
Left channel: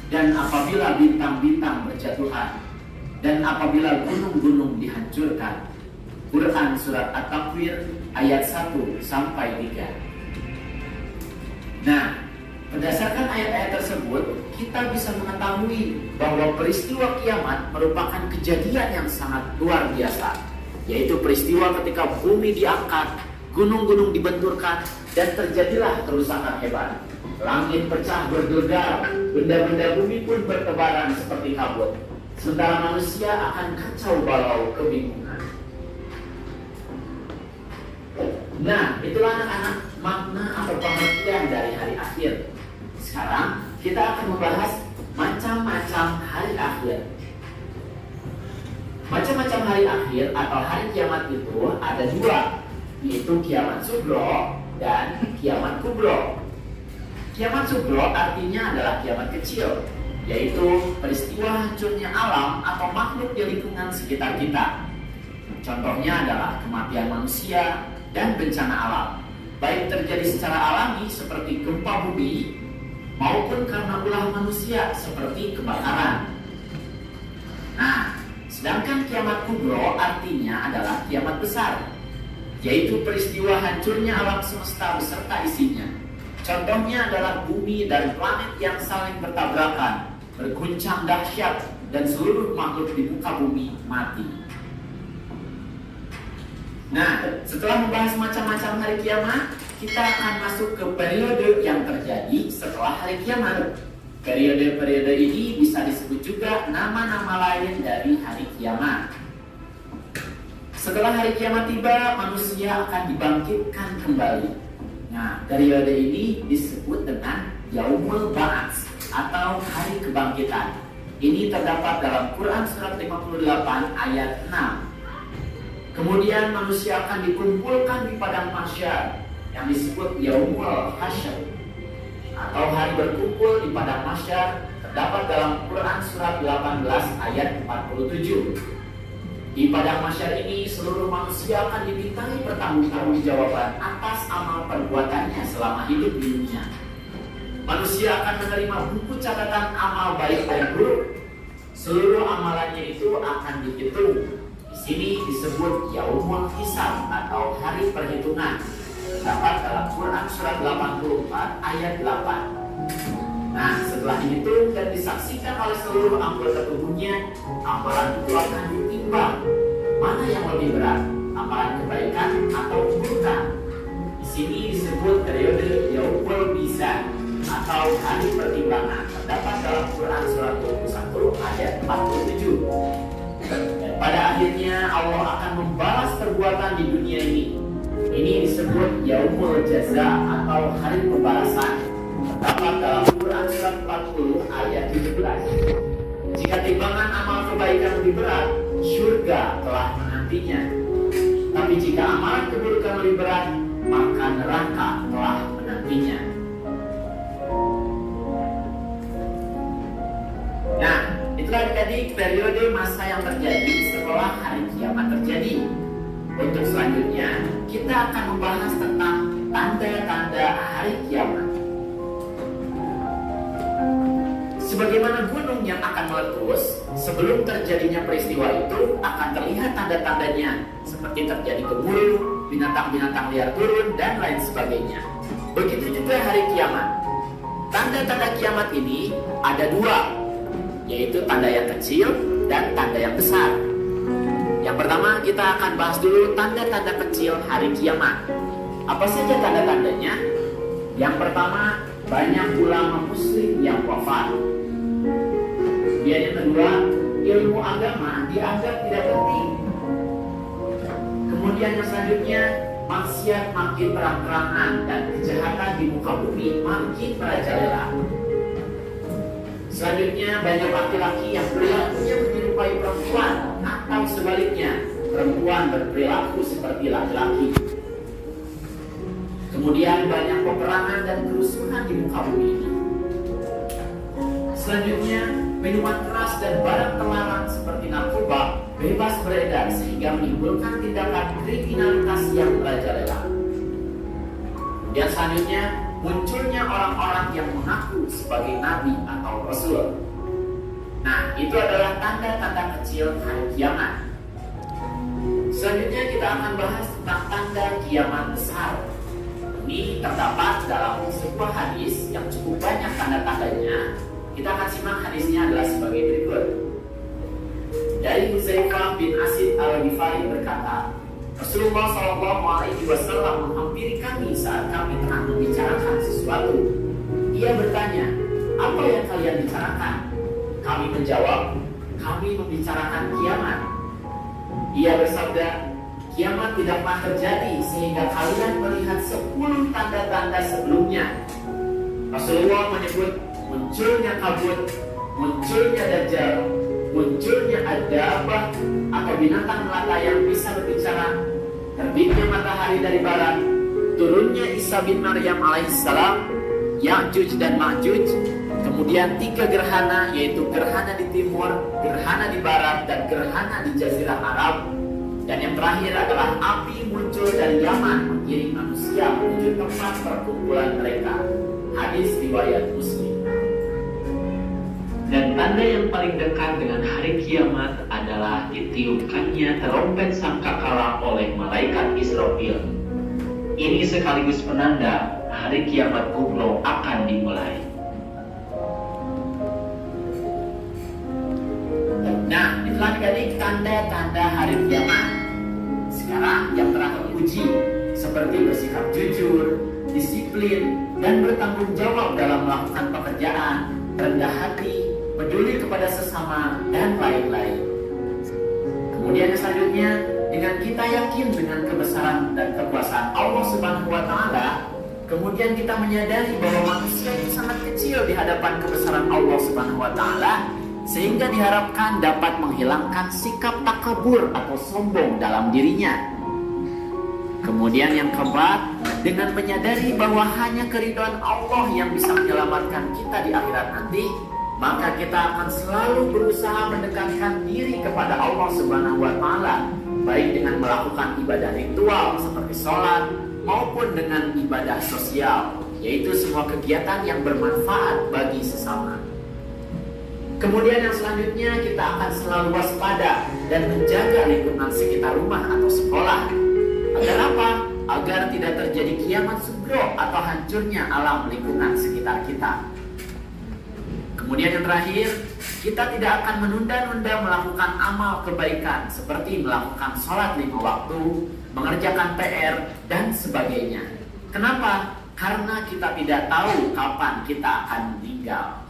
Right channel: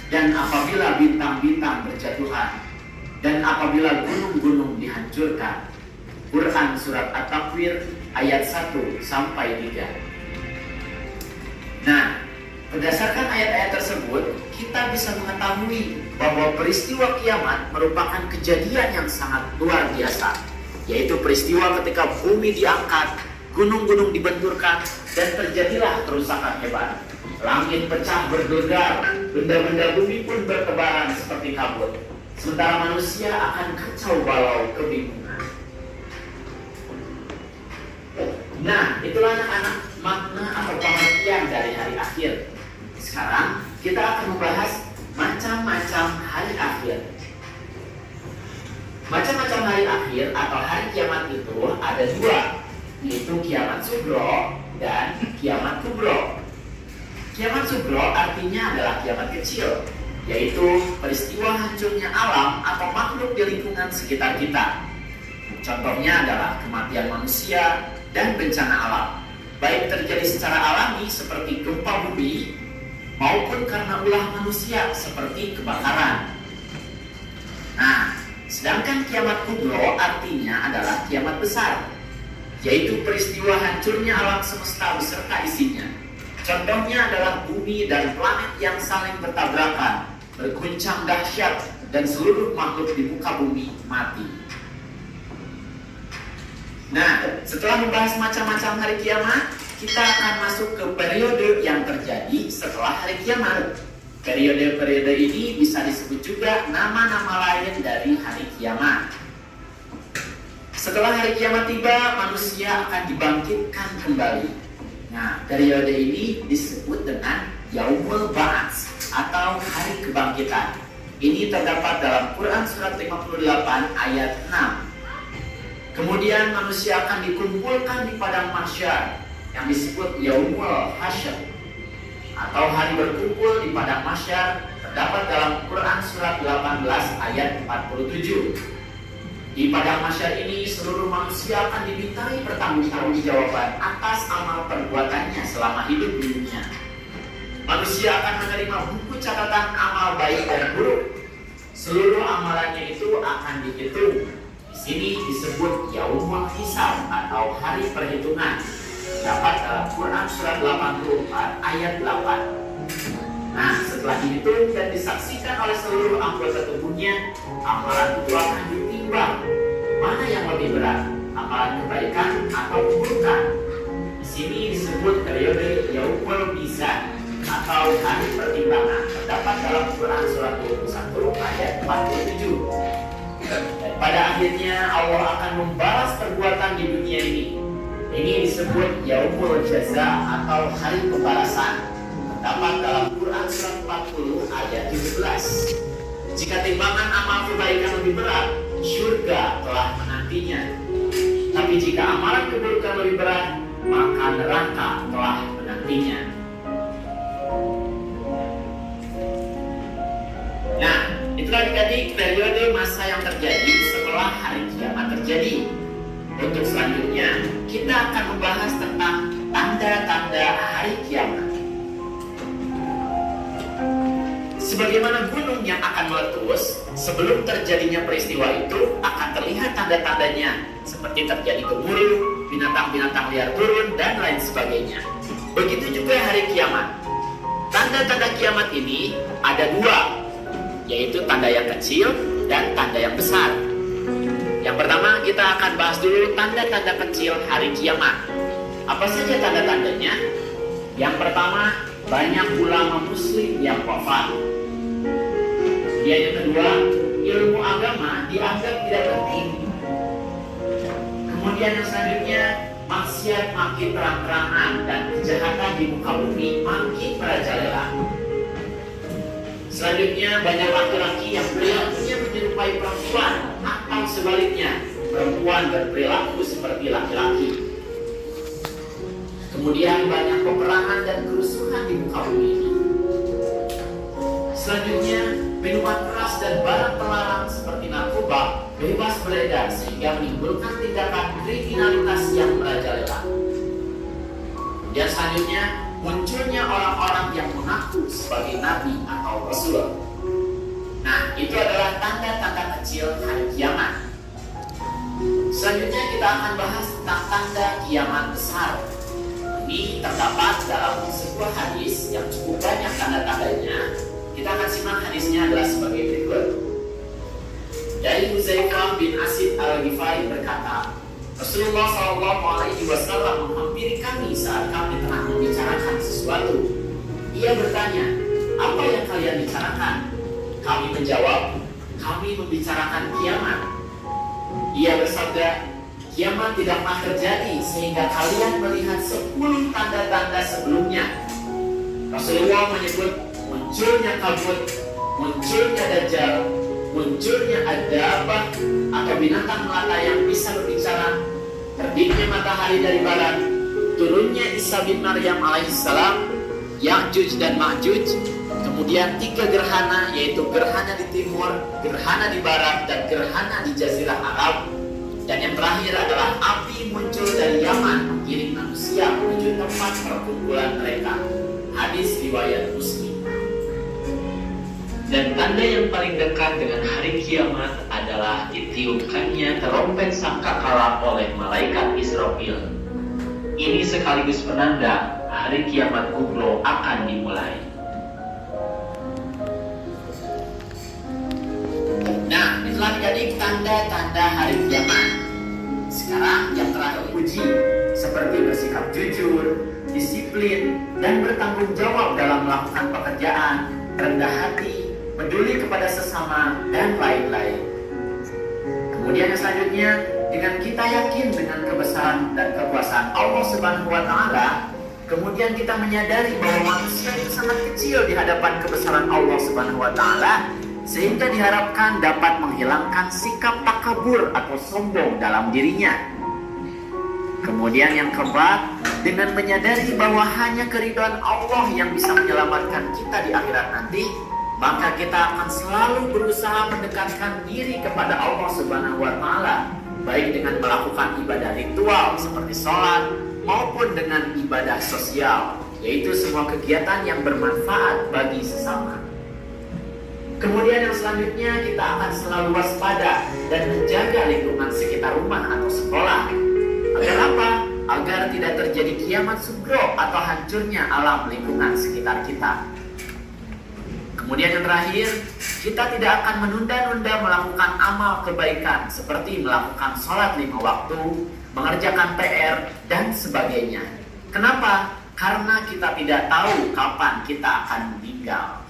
dan apabila bintang-bintang berjatuhan, dan apabila gunung-gunung dihancurkan. Quran Surat At-Takwir ayat 1-3. Nah, berdasarkan ayat-ayat tersebut, kita bisa mengetahui bahwa peristiwa kiamat merupakan kejadian yang sangat luar biasa, yaitu peristiwa ketika bumi diangkat, gunung-gunung dibenturkan, dan terjadilah kerusakan hebat. Langit pecah bergelegar, benda-benda bumi pun bertebaran seperti kabut. Sementara manusia akan kacau balau kebingungan. Nah, itulah anak-anak makna atau pengertian dari hari akhir. Sekarang kita akan membahas macam-macam hari akhir. Macam-macam hari akhir atau hari kiamat itu ada dua, yaitu kiamat sugro dan kiamat kubro. Kiamat sugro artinya adalah kiamat kecil, yaitu peristiwa hancurnya alam atau makhluk di lingkungan sekitar kita. Contohnya adalah kematian manusia dan bencana alam, baik terjadi secara alami seperti gempa bumi, maupun karena ulah manusia seperti kebakaran. Nah, sedangkan kiamat kubro artinya adalah kiamat besar, yaitu peristiwa hancurnya alam semesta beserta isinya. Contohnya adalah bumi dan planet yang saling bertabrakan, berguncang dahsyat, dan seluruh makhluk di muka bumi mati. Nah, setelah membahas macam-macam hari kiamat, kita akan masuk ke periode yang terjadi setelah hari kiamat. Periode-periode ini bisa disebut juga nama-nama lain dari hari kiamat. Setelah hari kiamat tiba, manusia akan dibangkitkan kembali. Nah, periode ini disebut dengan Yaumul Ba'ats atau hari kebangkitan. Ini terdapat dalam Quran Surat 58 ayat 6. Kemudian manusia akan dikumpulkan di padang mahsyar yang disebut Yaumul Hasyr atau hari berkumpul di padang mahsyar, terdapat dalam Quran Surat 18 ayat 47. Di padang mahsyar ini seluruh manusia akan dimintai pertanggungjawaban atas amal perbuatannya selama hidup di dunia. Manusia akan menerima buku catatan amal baik dan buruk. Seluruh amalannya itu akan dihitung. Di sini disebut Yaumul Hisab atau hari perhitungan. Dapat dalam Quran Surat 84 ayat 8. Nah, setelah dihitung dan disaksikan oleh seluruh anggota tubuhnya, amalan itu akan ditimbang. Mana yang lebih berat, amalan kebaikan atau keburukan? Di sini disebut periode Yaumul Mizan atau hari pertimbangan. Terdapat dalam Quran Surat 21 ayat 47. Dan pada akhirnya Allah akan membalas perbuatan di dunia ini. Ini disebut Yaumul Jaza atau hari pembalasan. Terdapat dalam Quran Surat 40 ayat 17. Jika timbangan amal kebaikan lebih berat, surga telah menantinya. Tapi jika amalan keburukan lebih berat, maka neraka telah menantinya. Nah, itulah adik-adik periode masa yang terjadi setelah hari kiamat terjadi. Untuk selanjutnya, kita akan membahas tentang tanda-tanda hari kiamat. Sebagaimana gunung yang akan meletus, sebelum terjadinya peristiwa itu akan terlihat tanda-tandanya, seperti terjadi gemuruh, binatang-binatang liar turun, dan lain sebagainya. Begitu juga hari kiamat. Tanda-tanda kiamat ini ada dua. yaitu tanda yang kecil dan tanda yang besar. Yang pertama kita akan bahas dulu tanda-tanda kecil hari kiamat. Apa saja tanda-tandanya? Yang pertama, banyak ulama muslim yang wafat. Yang kedua, ilmu agama dianggap tidak penting. Kemudian yang selanjutnya, maksiat makin terang-terangan dan kejahatan di muka bumi makin merajalela. Selanjutnya, banyak laki-laki yang perilakunya menyerupai perempuan atau sebaliknya, perempuan berperilaku seperti laki-laki. Kemudian banyak peperangan dan kerusuhan di muka bumi. Selanjutnya, minuman keras dan barang terlarang seperti narkoba bebas beredar sehingga menimbulkan tindakan kriminalitas yang merajalela. Dan selanjutnya, munculnya orang-orang yang mengaku sebagai nabi atau rasul. Nah, itu adalah tanda-tanda kecil hari kiamat. Selanjutnya kita akan bahas tentang tanda kiamat besar. Ini terdapat dalam sebuah hadis yang cukup banyak tanda-tandanya. Kita akan simak hadisnya adalah sebagai berikut. Dari Huzaifah bin Asid al-Ghifari berkata, Rasulullah SAW menghampiri kami saat kami tengah membicarakan sesuatu. Ia bertanya, apa yang kalian bicarakan? Kami menjawab, kami membicarakan kiamat. Ia bersabda, kiamat tidak pernah terjadi sehingga kalian melihat 10 tanda-tanda sebelumnya. Rasulullah menyebut munculnya kabut, munculnya dajjal, munculnya adabah atau binatang melata yang bisa berbicara, terbitnya matahari dari barat, turunnya Isa bin Maryam alaihissalam, Ya'juj dan Ma'juj, kemudian 3 gerhana, yaitu gerhana di timur, gerhana di barat, dan gerhana di Jazirah Arab. Dan yang terakhir adalah api muncul dari Yaman mengiring manusia menuju tempat perkumpulan mereka. Hadis riwayat Muslim. Dan tanda yang paling dekat dengan hari kiamat adalah ditiupkannya terompet sangkakala oleh malaikat Israfil. Ini sekaligus penanda hari kiamat kubro akan dimulai. Nah, itulah adik-adik tanda-tanda hari kiamat. Sekarang yang terakhir uji, seperti bersikap jujur, disiplin, dan bertanggung jawab dalam melakukan pekerjaan, rendah hati, peduli kepada sesama, dan lain-lain. Kemudian yang selanjutnya, dengan kita yakin dengan kebesaran dan kekuasaan Allah Subhanahu wa Ta'ala, kemudian kita menyadari bahwa manusia itu sangat kecil di hadapan kebesaran Allah Subhanahu wa Ta'ala, sehingga diharapkan dapat menghilangkan sikap takabur atau sombong dalam dirinya. Kemudian yang keempat, dengan menyadari bahwa hanya keridhaan Allah yang bisa menyelamatkan kita di akhirat nanti, maka kita akan selalu berusaha mendekatkan diri kepada Allah Subhanahu wa Ta'ala, baik dengan melakukan ibadah ritual seperti sholat maupun dengan ibadah sosial, yaitu semua kegiatan yang bermanfaat bagi sesama. Kemudian yang selanjutnya, kita akan selalu waspada dan menjaga lingkungan sekitar rumah atau sekolah. Agar apa? Agar tidak terjadi kiamat sugro atau hancurnya alam lingkungan sekitar kita. Kemudian yang terakhir, kita tidak akan menunda-nunda melakukan amal kebaikan seperti melakukan sholat 5 waktu, mengerjakan PR, dan sebagainya. Kenapa? Karena kita tidak tahu kapan kita akan meninggal.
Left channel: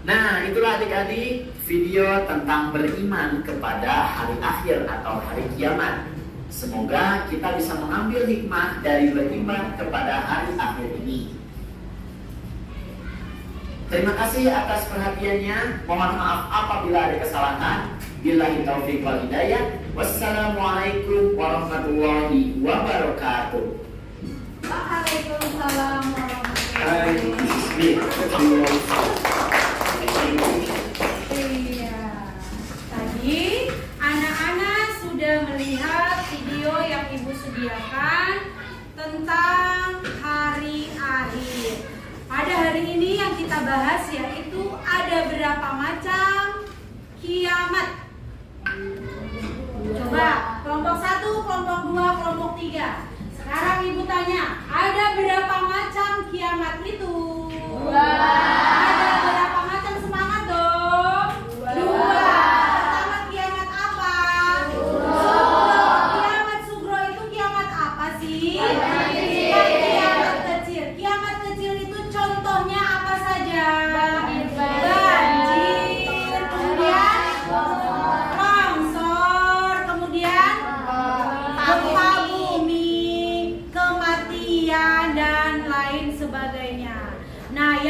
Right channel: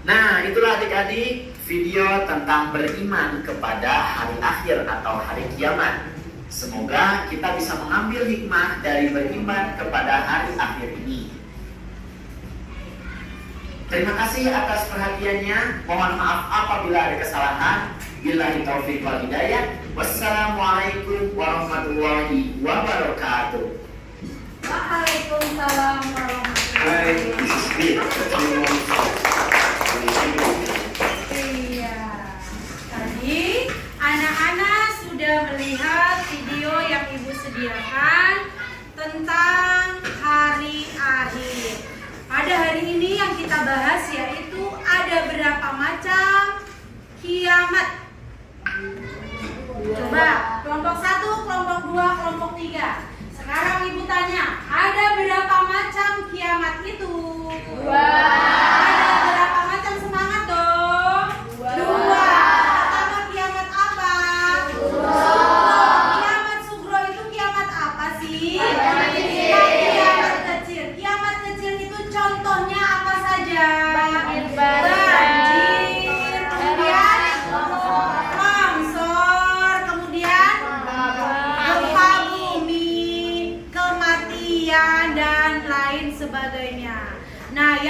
Nah, itulah adik-adik video tentang beriman kepada hari akhir atau hari kiamat. Semoga kita bisa mengambil hikmah dari beriman kepada hari akhir ini. Terima kasih atas perhatiannya. Mohon maaf apabila ada kesalahan. Billahi taufiq wal hidayah. Wassalamualaikum warahmatullahi wabarakatuh. Waalaikumsalam warahmatullahi Hai, this is Iya. Tadi anak-anak sudah melihat video yang Ibu sediakan tentang hari akhir. Pada hari ini yang kita bahas yaitu ada berapa macam kiamat. Coba kelompok 1, kelompok 2, kelompok 3. Sekarang Ibu tanya, ada berapa macam kiamat itu? Ada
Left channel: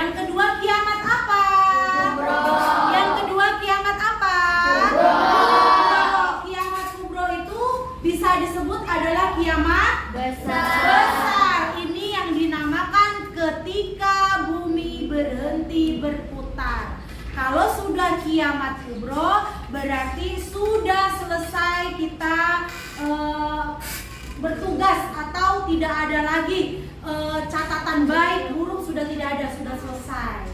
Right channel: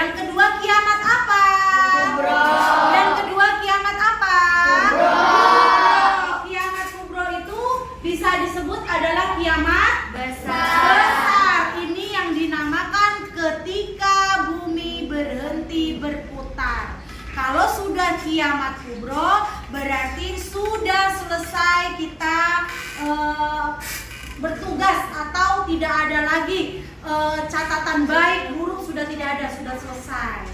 Yang kedua kiamat apa? Yang kedua kiamat apa? Kiamat kubro itu bisa disebut adalah kiamat besar. Ini yang dinamakan ketika bumi berhenti berputar. Kalau sudah kiamat kubro berarti sudah selesai kita bertugas atau tidak ada lagi catatan baik buruk, sudah tidak ada, sudah selesai.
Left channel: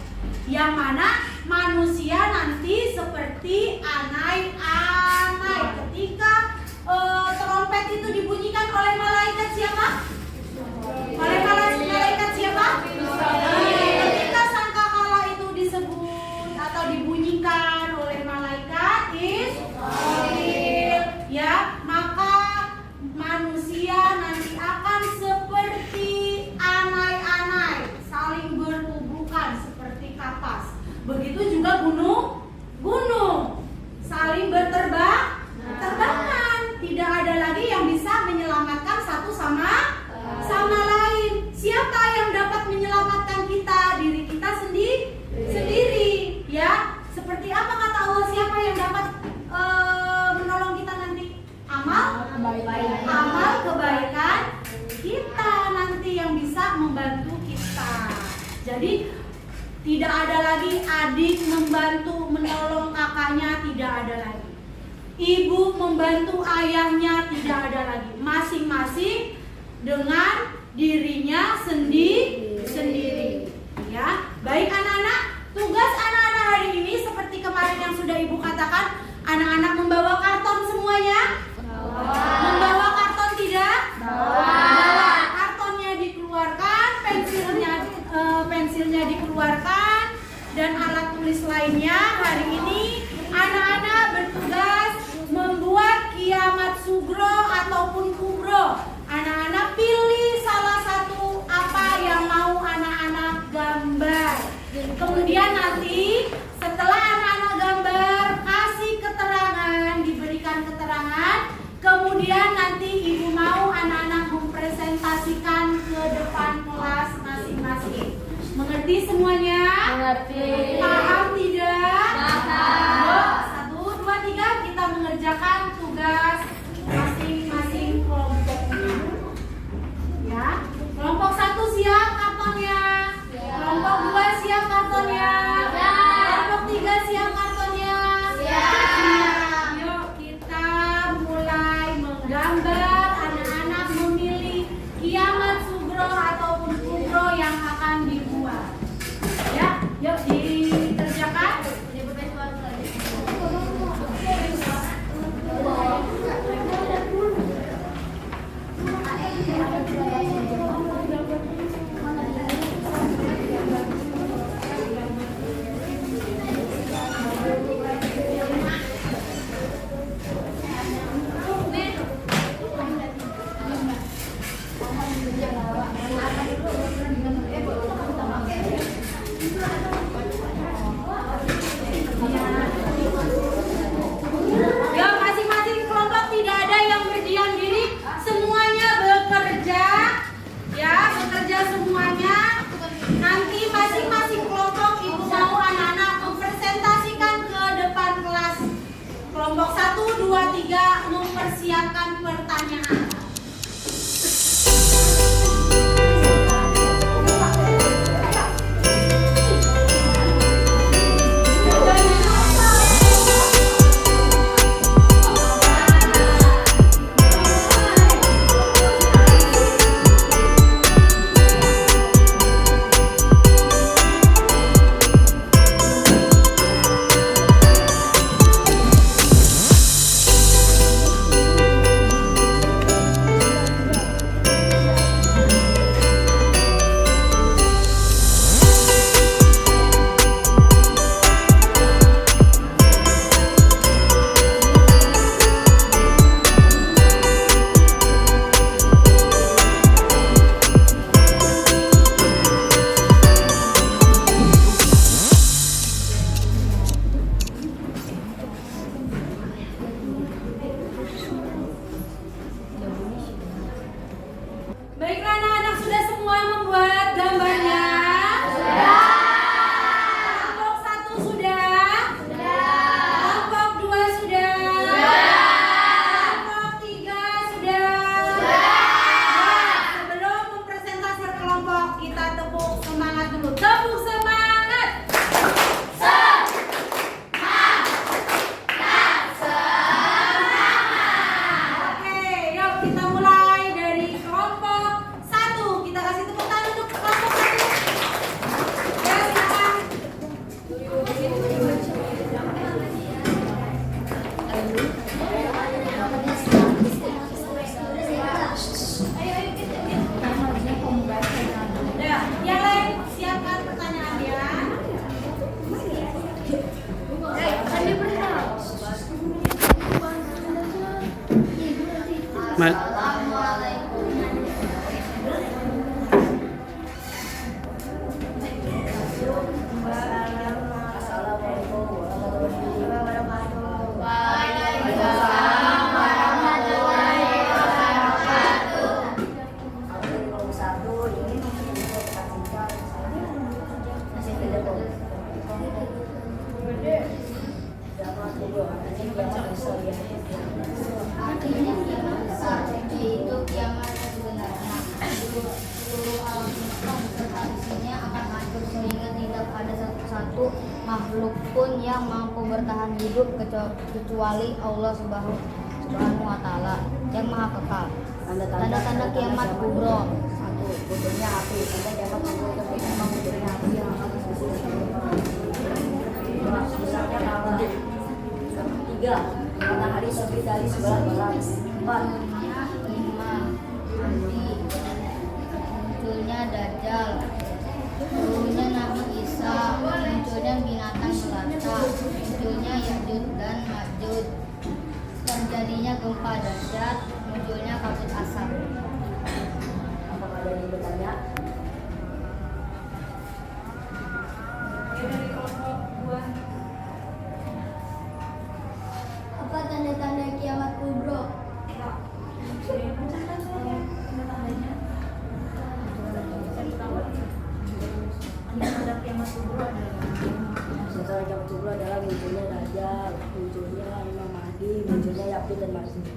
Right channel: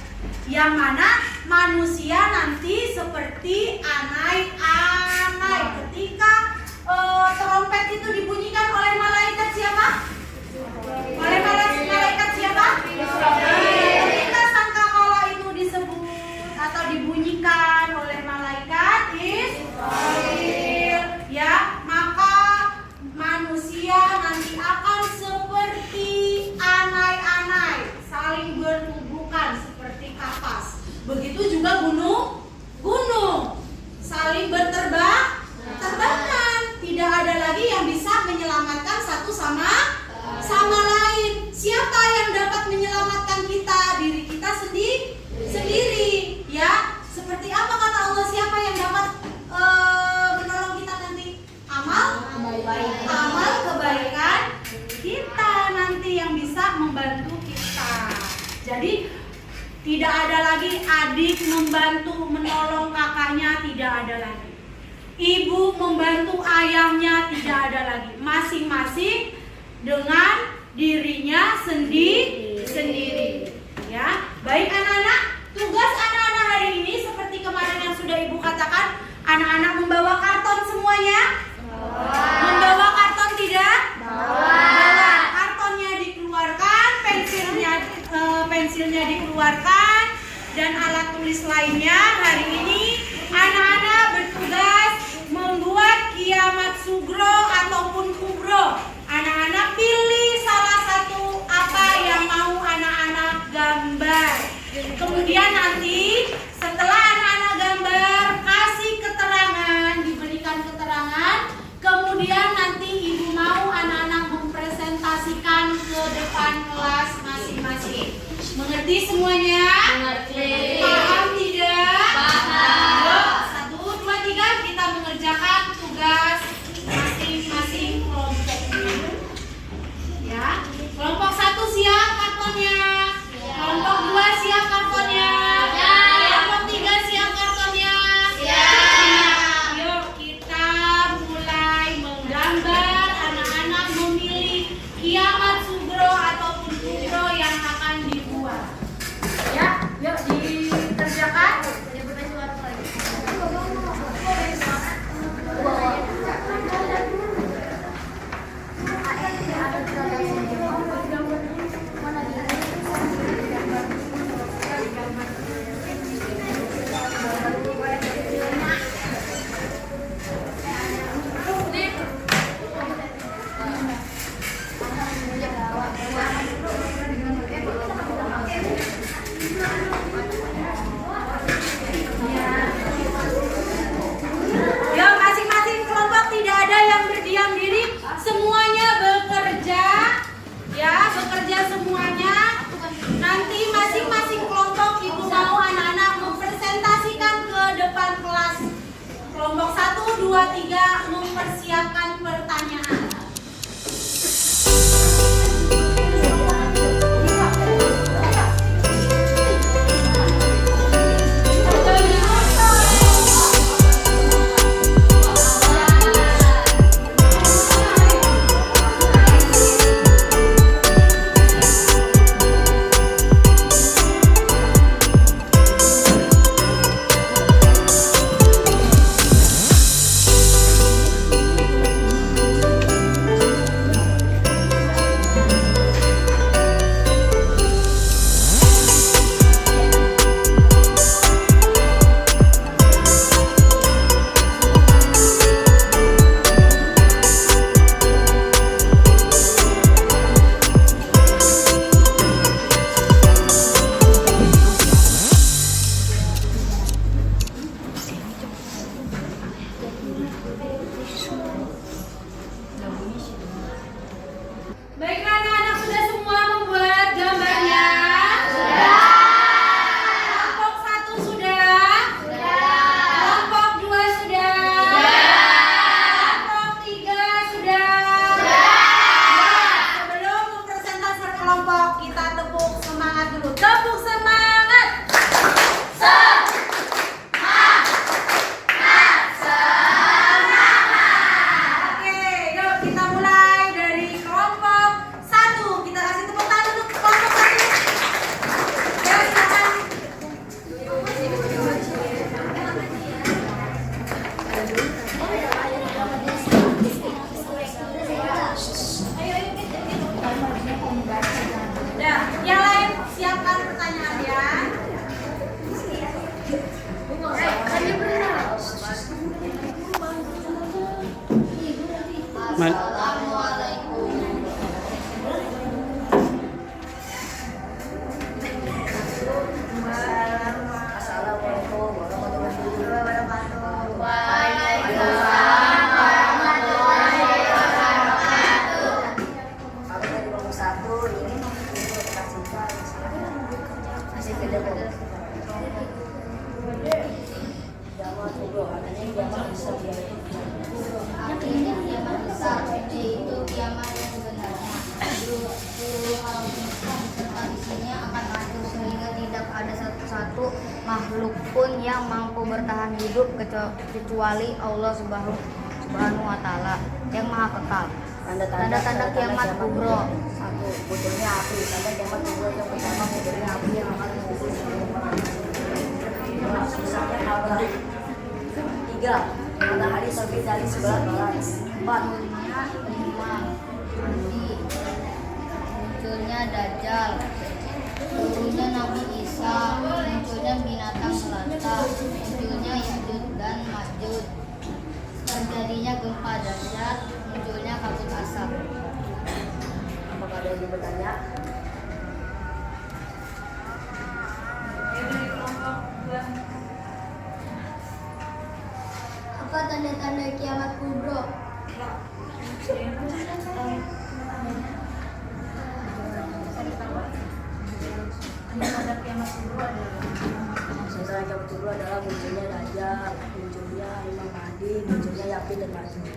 Yang mana manusia nanti seperti anai-anai ketika trompet itu dibunyikan oleh malaikat siapa? Oleh malaikat siapa? Ketika sangkakala itu disebut atau dibunyikan oleh malaikat Israfil, ya, maka manusia nanti akan seperti anai-anai, saling bertubuhkan seperti kapas. Begitu juga gunung saling terbangan. Tidak ada lagi yang bisa menyelamatkan satu sama lain. Siapa yang dapat menyelamatkan kita? Diri kita sendiri, ya. Seperti apa kata Allah, siapa yang dapat menolong kita nanti? Amal kebaikan kita nanti yang bisa membantu kita. Jadi tidak ada lagi adik membantu menolong kakaknya, tidak ada lagi. Ibu membantu ayahnya, tidak ada lagi. Masing-masing dengan dirinya sendiri. Ya, baik anak-anak. Tugas anak-anak hari ini seperti kemarin yang sudah ibu katakan, anak-anak membawa karton semuanya. Membawa karton tidak? Bawa. Kartonnya dikeluarkan, pensilnya dikeluarkan, dan alat tulis lainnya. Hari ini anak-anak bertugas membuat kiamat sugro ataupun kubro. Anak-anak pilih salah satu apa yang mau anak-anak gambar. Kemudian nanti setelah anak-anak gambar, kasih keterangan, diberikan keterangan. Kemudian nanti ibu mau anak-anak mempresentasikan ke depan kelas masing-masing. Mengerti semuanya? Mengerti. Paham tidak? Paham. 1, 2, 3 kita mengerjakan tugas masing-masing kelompok. Ya. Kelompok 1 siap kartonnya. Kelompok 2 siap kartonnya. Kelompok 3 siap kartonnya. Yuk kita mulai menggambar. Anak-anak memilih kiamat sugro ataupun kubro yang akan dibuat. Ya, yuk dikerjakan. Ya, masing-masing kelompok tidak ada yang berdiam diri, semuanya bekerja. Ya, bekerja semuanya. Nanti masing-masing kelompok ibu mau anak-anak mempresentasikan ke depan kelas. Kelompok 1, 2, 3 mempersiapkan pertanyaan. Assalamualaikum. Assalamualaikum warahmatullahi wabarakatuh. Waalaikumsalam warahmatullahi wabarakatuh. Aku dari kelompok 1 ini tekan sifat masih kerja kok. Kiamat kubro, artinya kiamat besar yaitu Artinya kiamat besar, yaitu kiamat yang sebenarnya. Seluruh alam semesta beserta isinya akan hancur sehingga tidak ada satu makhluk pun yang mampu bertahan hidup kecuali Allah Subhanahu wa Ta'ala yang Maha Kekal. Tanda-tanda kiamat kubro. 1. Munculnya api. Tanda kiamat kubro yang pertama, munculnya api yang akan dikubur misalnya kabar. 3. Matahari terbit dari sebelah barat. 4. Munculnya Dajjal, turunnya Nabi Isa, munculnya binatang melata, munculnya Ya'juj dan Ma'juj, terjadinya gempa dahsyat, munculnya kabut asap. Apakah ada yang bertanya? Apa tanda-tanda kiamat kubro? Tanda kiamat kubro Sementara kiamat kubro adalah munculnya Dajjal, munculnya Imam Mahdi, munculnya Ya'juj dan Ma'juj.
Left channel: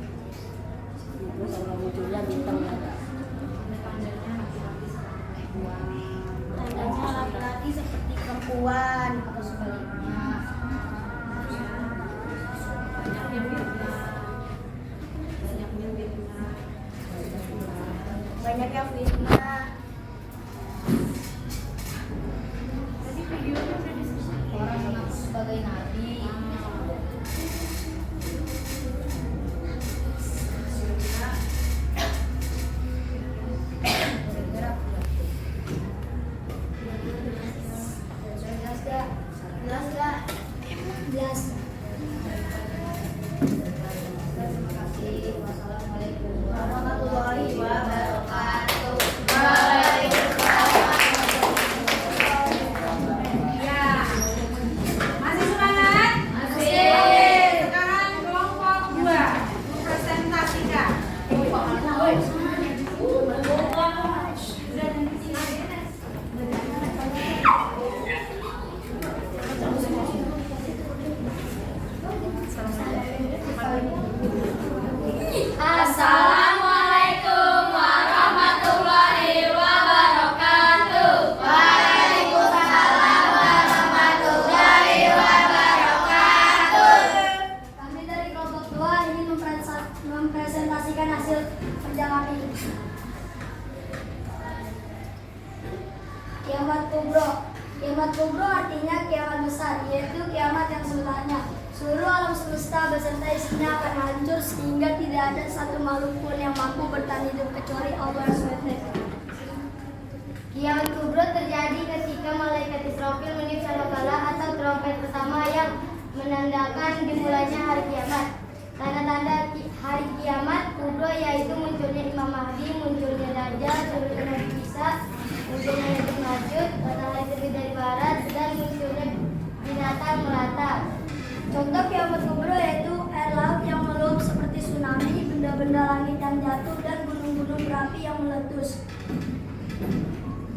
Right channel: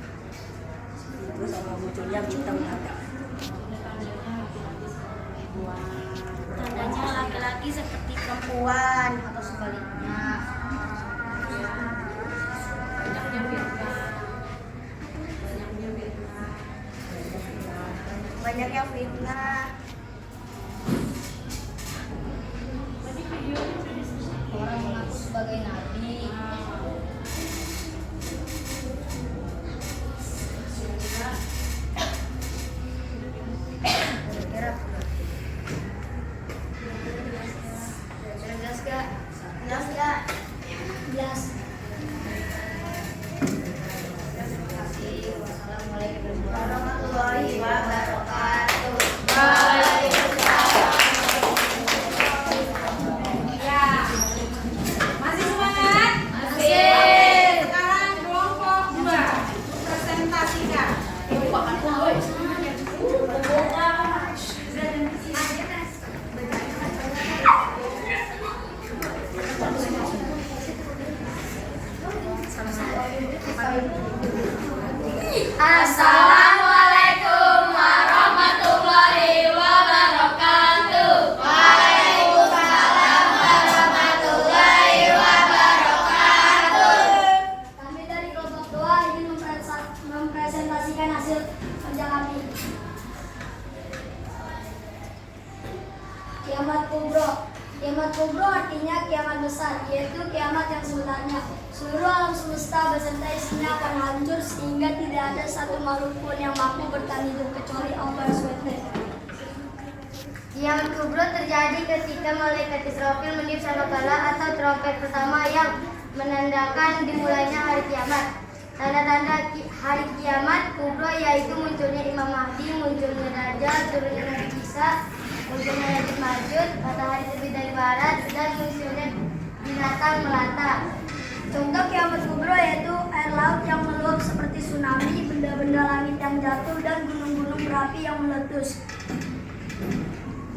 Itu sama munculnya bintang melata. Tandanya laki-laki seperti perempuan atau sebaliknya. Banyaknya fitnah. Orang mengaku sebagai nabi. Kira-kira jelas gak? Jelas gak? Jelas. Terima kasih. Wassalamualaikum warahmatullahi wabarakatuh. ya. Masih semangat? Masih. Sekarang kelompok 2 presentasikan. Assalamualaikum warahmatullahi wabarakatuh. Waalaikumsalam warahmatullahi wabarakatuh. Kami dari kelompok 2 ingin mempresentasikan hasil kerja kami. Kiamat kubro. Kiamat kubro artinya kiamat besar, yaitu kiamat yang sebenarnya. Seluruh alam semesta beserta isinya akan hancur sehingga tidak ada satu makhluk pun yang mampu bertahan hidup kecuali Allah SWT. Kiamat kubro terjadi ketika malaikat Israfil meniup sangkakala atau trompet pertama yang menandakan dimulainya hari kiamat. Tanda-tanda hari kiamat kubro yaitu munculnya Imam Mahdi, munculnya Dajjal, turunnya Nabi Isa, munculnya Ya'juj Ma'juj, matahari terbit dari barat, dan munculnya binatang melata. Contoh kiamat kubro yaitu air laut yang meluap seperti tsunami, benda-benda langit yang jatuh, dan gunung-gunung berapi yang meletus.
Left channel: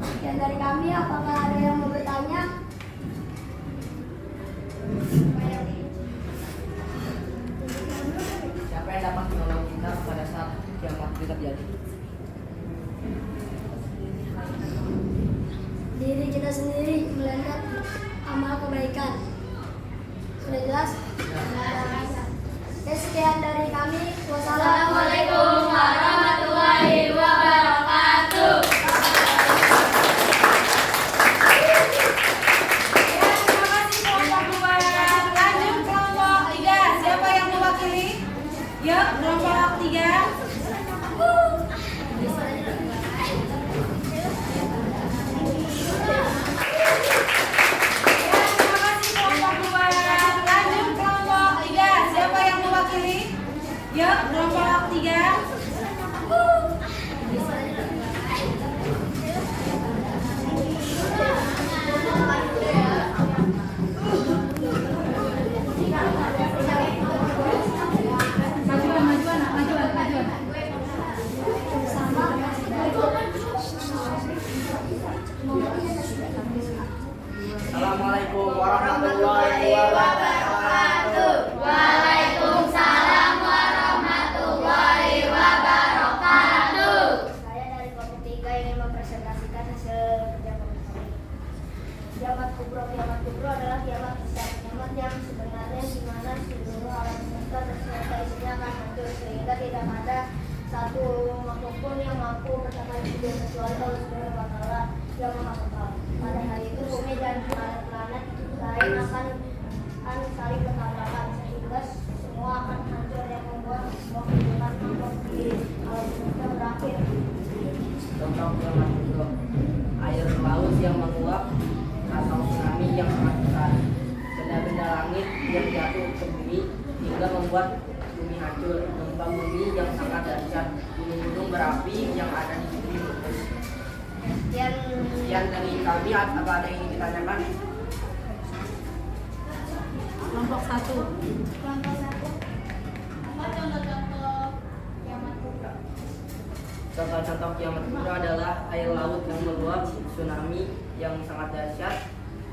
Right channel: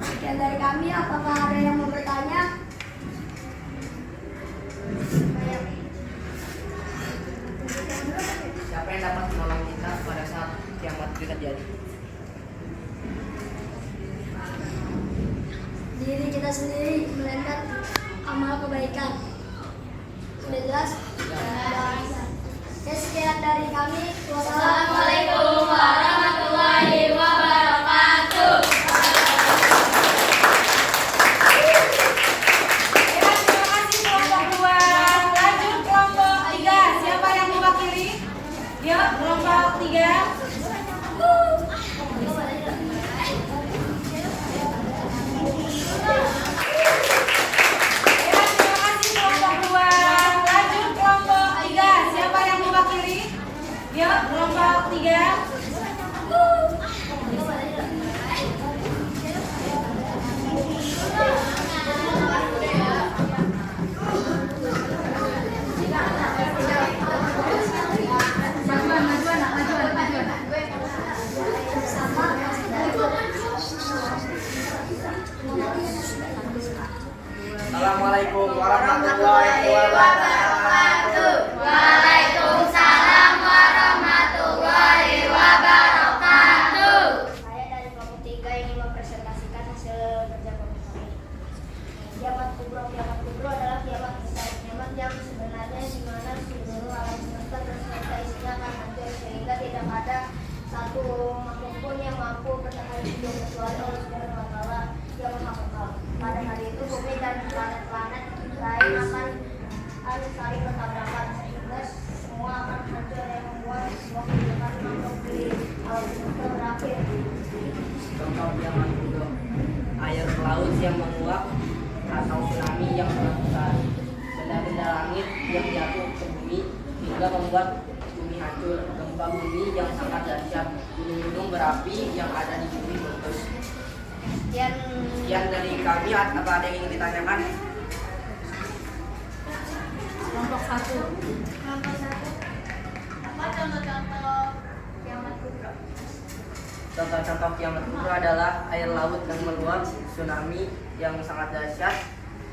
Sekian dari kami, apakah ada yang mau bertanya? Siapa yang dapat menolong kita pada saat kiamat itu terjadi? Diri kita sendiri, melainkan amal kebaikan. Sudah jelas? Ya, sekian dari kami. Wassalamualaikum warahmatullahi wabarakatuh. Ya, terima kasih kelompok 2. Lanjut kelompok 3. Siapa yang mewakili? Yuk, kelompok 3. Yuk, kelompok 3. Assalamualaikum warahmatullahi wabarakatuh. Waalaikumsalam warahmatullahi wabarakatuh. Saya dari kelompok 3 ingin mempresentasikan hasil kerja kelompok kami. Kiamat kubro adalah kiamat yang sebenarnya di mana seluruh alam semesta beserta isinya akan hancur sehingga tidak ada satu makhluk pun yang mampu bertahan hidup kecuali Allah Subhanahu wa Ta'ala yang Maha Kekal. Pada hari itu bumi dan planet-planet lain akan saling bertabrakan sehingga semua akan hancur dan membuat semua kehidupan makhluk di alam semesta berakhir. Contoh kiamat kubro, air laut yang menguap atau tsunami yang sangat besar, benda-benda langit yang jatuh ke bumi hingga membuat bumi hancur, gempa bumi yang sangat dahsyat, gunung-gunung berapi yang ada di bumi meletus. Sekian dari kami. Apa ada yang ingin ditanyakan? Kelompok 1. Apa contoh-contoh kiamat kubro? Contoh-contoh kiamat kubro adalah air laut yang meluap, tsunami yang sangat dahsyat,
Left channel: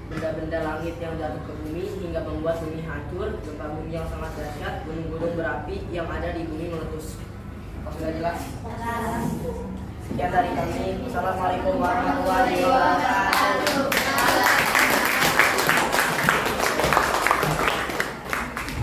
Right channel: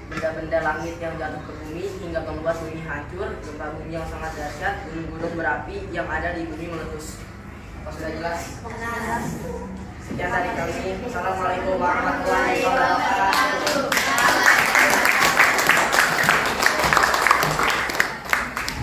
benda-benda langit yang jatuh ke bumi hingga membuat bumi hancur, gempa bumi yang sangat dahsyat, gunung-gunung berapi yang ada di bumi meletus. Apa sudah jelas? Sekian dari kami. Assalamualaikum warahmatullahi wabarakatuh.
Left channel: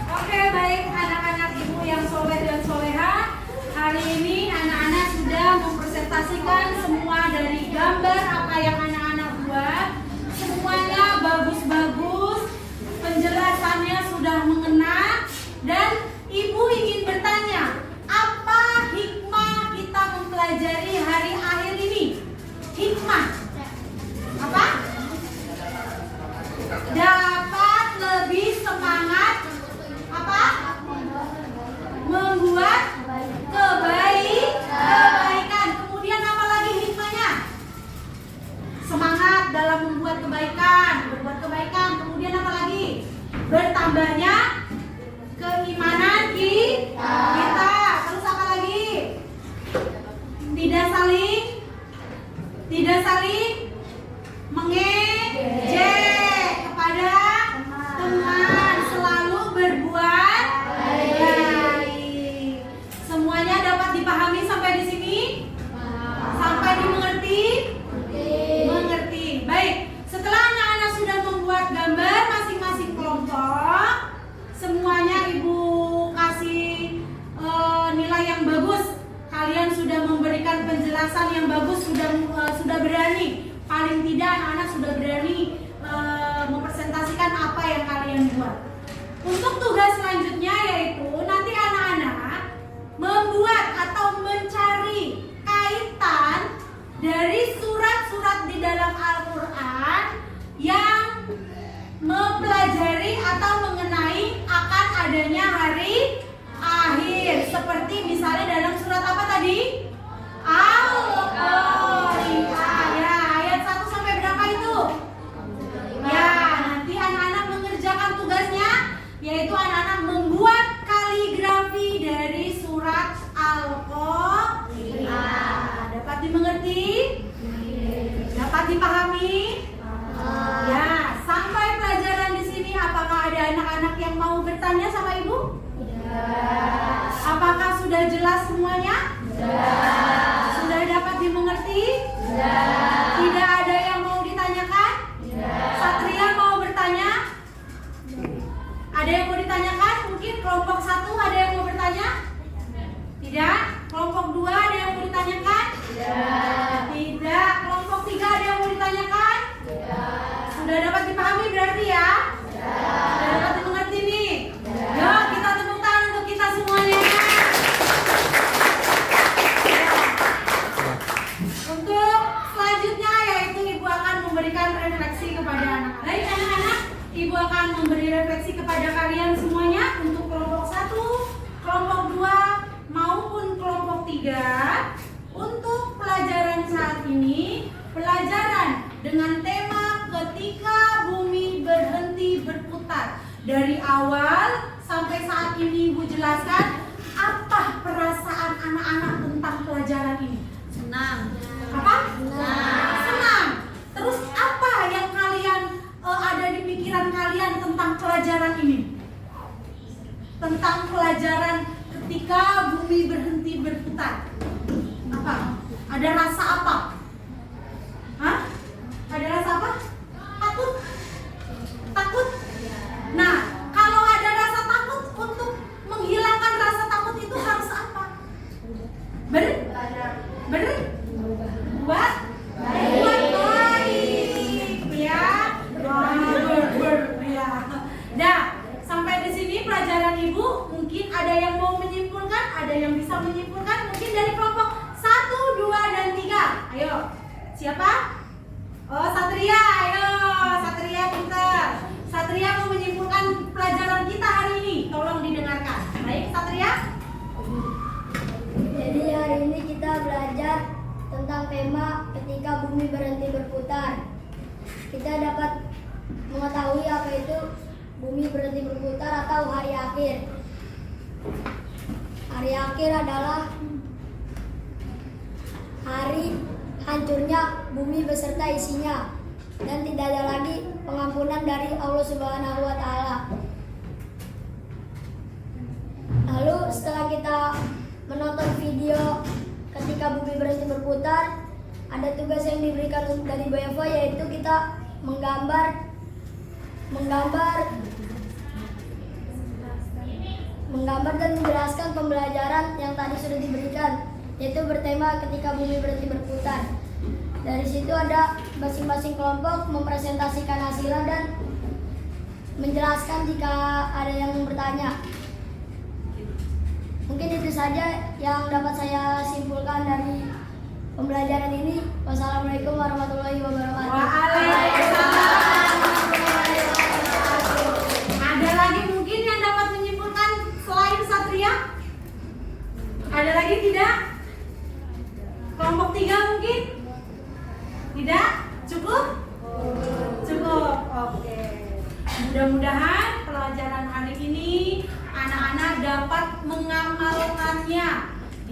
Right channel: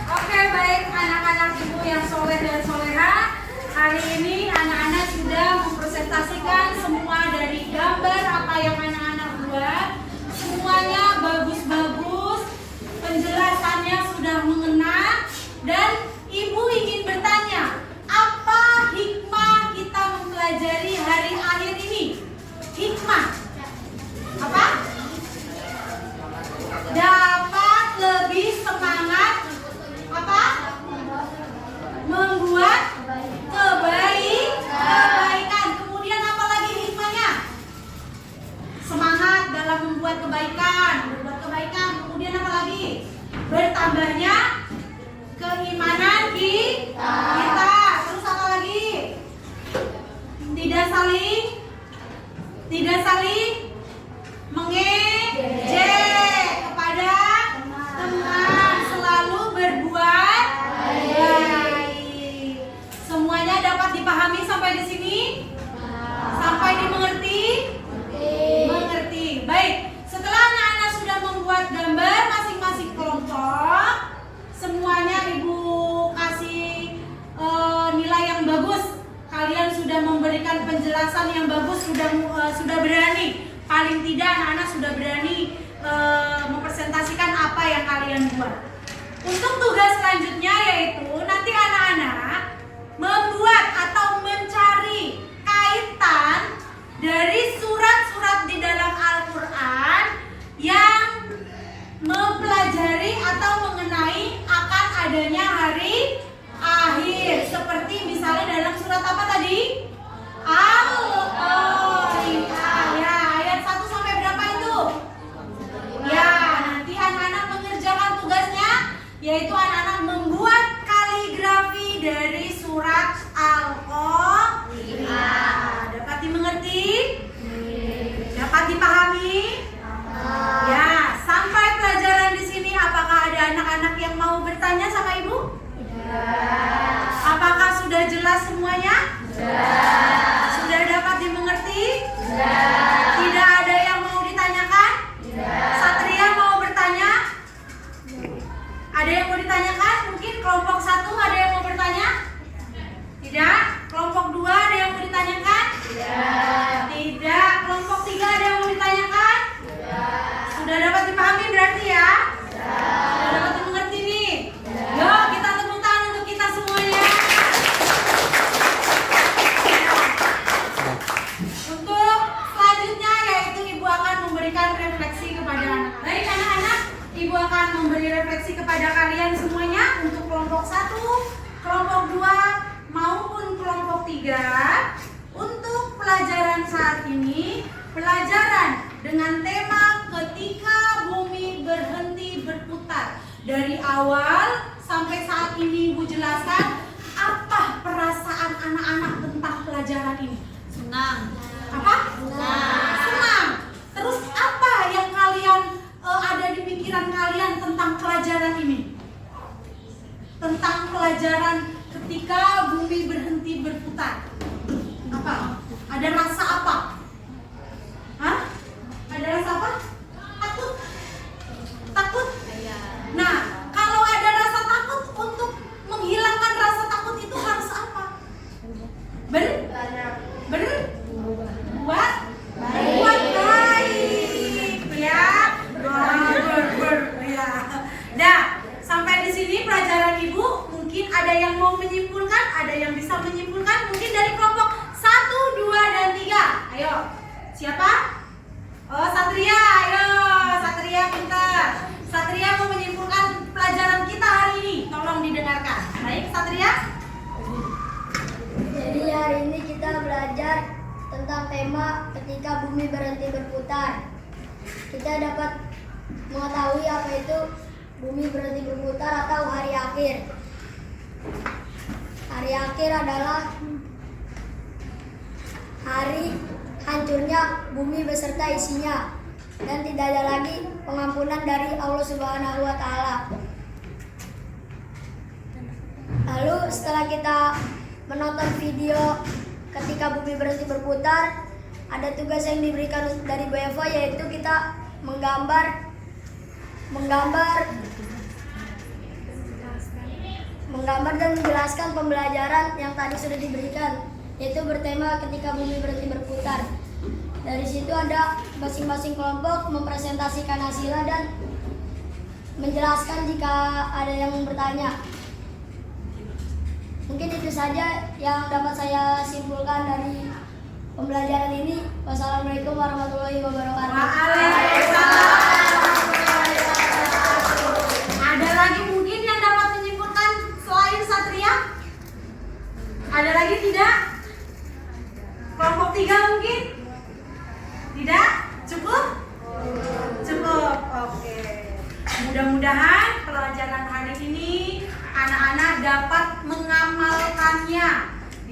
Oke, baik anak-anak ibu yang soleh dan soleha. Hari ini anak-anak sudah mempresentasikan semua dari gambar apa yang anak-anak buat. Semuanya bagus-bagus, penjelasannya sudah mengena, dan ibu ingin bertanya, apa hikmah kita mempelajari hari akhir ini? Hikmah apa? Dapat lebih semangat apa? Membuat kebaikan. Kemudian apa lagi hikmahnya? Semangat dalam membuat kebaikan, berbuat kebaikan. Kemudian apa lagi? Bertambahnya keimanan kita. Terus apa lagi? Tidak saling mengejek kepada teman, selalu berbuat baik. Semuanya dapat dipahami sampai di sini? Sampai dimengerti? Mengerti. Baik, setelah anak-anak sudah membuat gambar masing-masing kelompok, semuanya ibu kasih nilai yang bagus. Kalian sudah memberikan penjelasan yang bagus, sudah berani. Paling tidak anak-anak sudah berani mempresentasikan apa yang kalian buat. Untuk tugas selanjutnya yaitu nanti anak-anak membuat atau mencari kaitan dari surat-surat di dalam Al-Quran yang mempelajari atau mengenai akan adanya hari akhir. Seperti misalnya dalam surat apa tadi? Al-Qari'ah. Ya, ayat 1 sampai berapa itu? Ya, nanti anak-anak mengerjakan tugasnya, yaitu anak-anak membuat kaligrafi dari surat Al-Qari'ah. Dapat dimengerti? Dapat dipahami? Ya, sampai pelajaran di sini apakah ada anak-anak yang mau bertanya sama ibu? Apakah sudah jelas semuanya? Sudah dapat dimengerti? Tidak ada yang mau ditanyakan? Satria mau bertanya? Ada yang mau ditanyakan? Mungkin kelompok 1 ada yang mau bertanya? Tidak? Kelompok 2 ada yang mau ditanyakan? Tidak. Kelompok 3 ada yang mau ditanyakan? Sudah dapat dipahami berarti ya? Sudah dapat dimengerti nih? Yuk kita tepuk tangan untuk kita semuanya. Untuk selanjutnya yaitu ibu akan memberikan refleksi kepada anak-anak. Baik anak-anak, ibu akan memberi refleksi kepada kalian semuanya untuk kelompok 1, kelompok 2 maupun kelompok 3. Untuk pelajaran saat ini, pelajaran dengan tema ketika bumi berhenti berputar. Dari awal sampai saat ini ibu jelaskan apa perasaan anak-anak tentang pelajaran ini. Senang. Apa? Senang. Terus apa yang kalian ada di pikiran pikiran kalian tentang pelajaran ini? Tentang pelajaran ketika bumi berhenti berputar. Apa? Ada rasa apa? Hah? Ada rasa apa? Takut? Takut? Nah, kalau ada rasa takut, untuk menghilangkan rasa takut itu harus apa? Buat baik, ya. Ya. Dah, sampai di sini pelajaran Ibu. Mungkin ada yang mau menyimpulkan, ada yang bisa menyimpulkan. Mungkin dari kelompok 1, 2, dan 3. Ayo, siapa? Oh, Satria, ayo. Satria pintar. Satria mau menyimpulkan pelajaran kita hari ini. Tolong didengarkan. Baik, Satria. Jadi hari ini kita belajar tentang tema ketika bumi berhenti berputar. Kita dapat mengetahui apa itu bumi berhenti berputar atau hari akhir. Hari akhir adalah hari hancurnya bumi beserta isinya dan tidak ada lagi pengampunan dari Allah Subhanahu wa taala. Lalu setelah kita menonton video ketika bumi berhenti berputar, ada tugas yang diberikan dari Bu Eva, yaitu kita menggambar dan menjelaskan pembelajaran yang tadi sudah diberikan, yaitu bertema ketika bumi berhenti berputar. Dari situ ada masing-masing kelompok mempresentasikan hasilnya dan menjelaskan jika ada yang bertanya. Mungkin itu saja yang dapat saya simpulkan dari pembelajaran ini. Wassalamualaikum warahmatullahi wabarakatuh. Waalaikumsalam. Ada lagi mungkin yang dapat menyimpulkan selain Satria? Ada lagi tidak? Kelompok 3 mungkin? Tidak? Cukup? Cukup, oke. Mudah-mudahan pelajaran hari ini anak-anak dapat mengamalkannya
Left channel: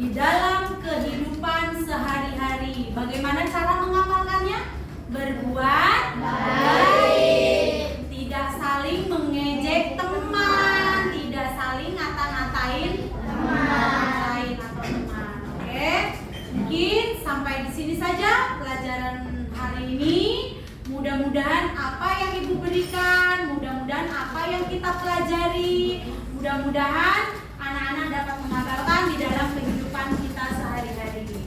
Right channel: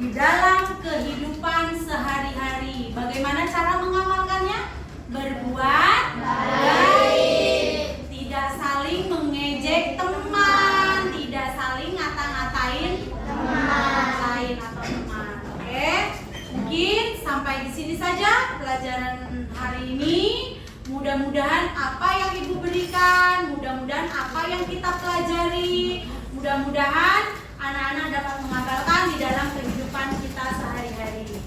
di dalam kehidupan sehari-hari. Bagaimana cara mengamalkannya? Berbuat baik, tidak saling mengejek teman, tidak saling ngata-ngatain teman lain atau teman. Oke, mungkin sampai di sini saja pelajaran hari ini. Mudah-mudahan apa yang Ibu berikan, mudah-mudahan apa yang kita pelajari, mudah-mudahan anak-anak dapat mengamalkan di dalam kehidupan kita sehari-hari.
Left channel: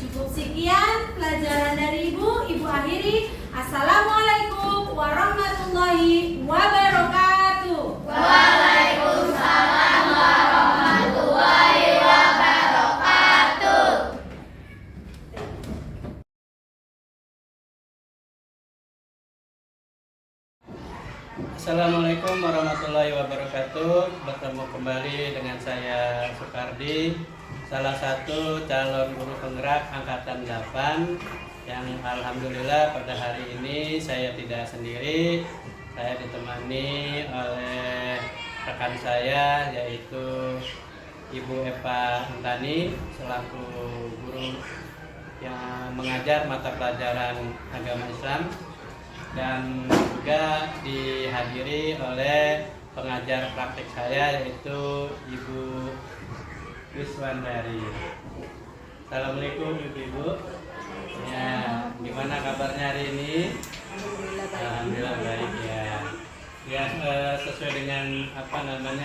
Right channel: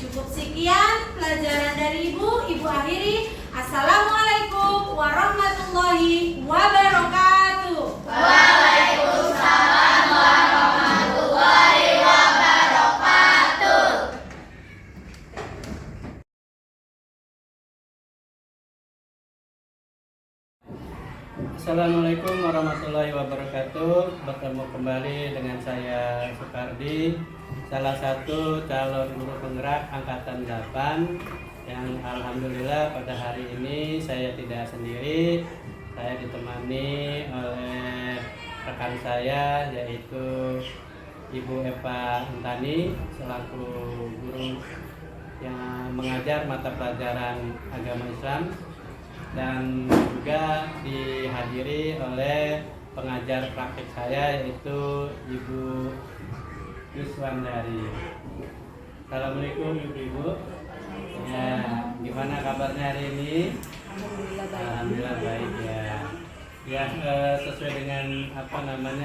Cukup sekian pelajaran dari Ibu. Ibu akhiri. Assalamualaikum warahmatullahi wabarakatuh. Waalaikumsalam warahmatullahi wabarakatuh. Assalamualaikum warahmatullahi wabarakatuh. Bertemu kembali dengan saya Sukardi, salah satu calon guru penggerak angkatan 8 yang alhamdulillah pada hari ini saya tidak sendiri. Saya ditemani oleh rekan saya yaitu Ibu Eva Antani selaku guru yang mengajar mata pelajaran agama Islam, dan juga dihadiri oleh pengajar praktik saya yaitu Ibu Yuswandari. Assalamualaikum Ibu. Ya, gimana kabarnya hari ini? Alhamdulillah baik ya. Ya, sesuai dengan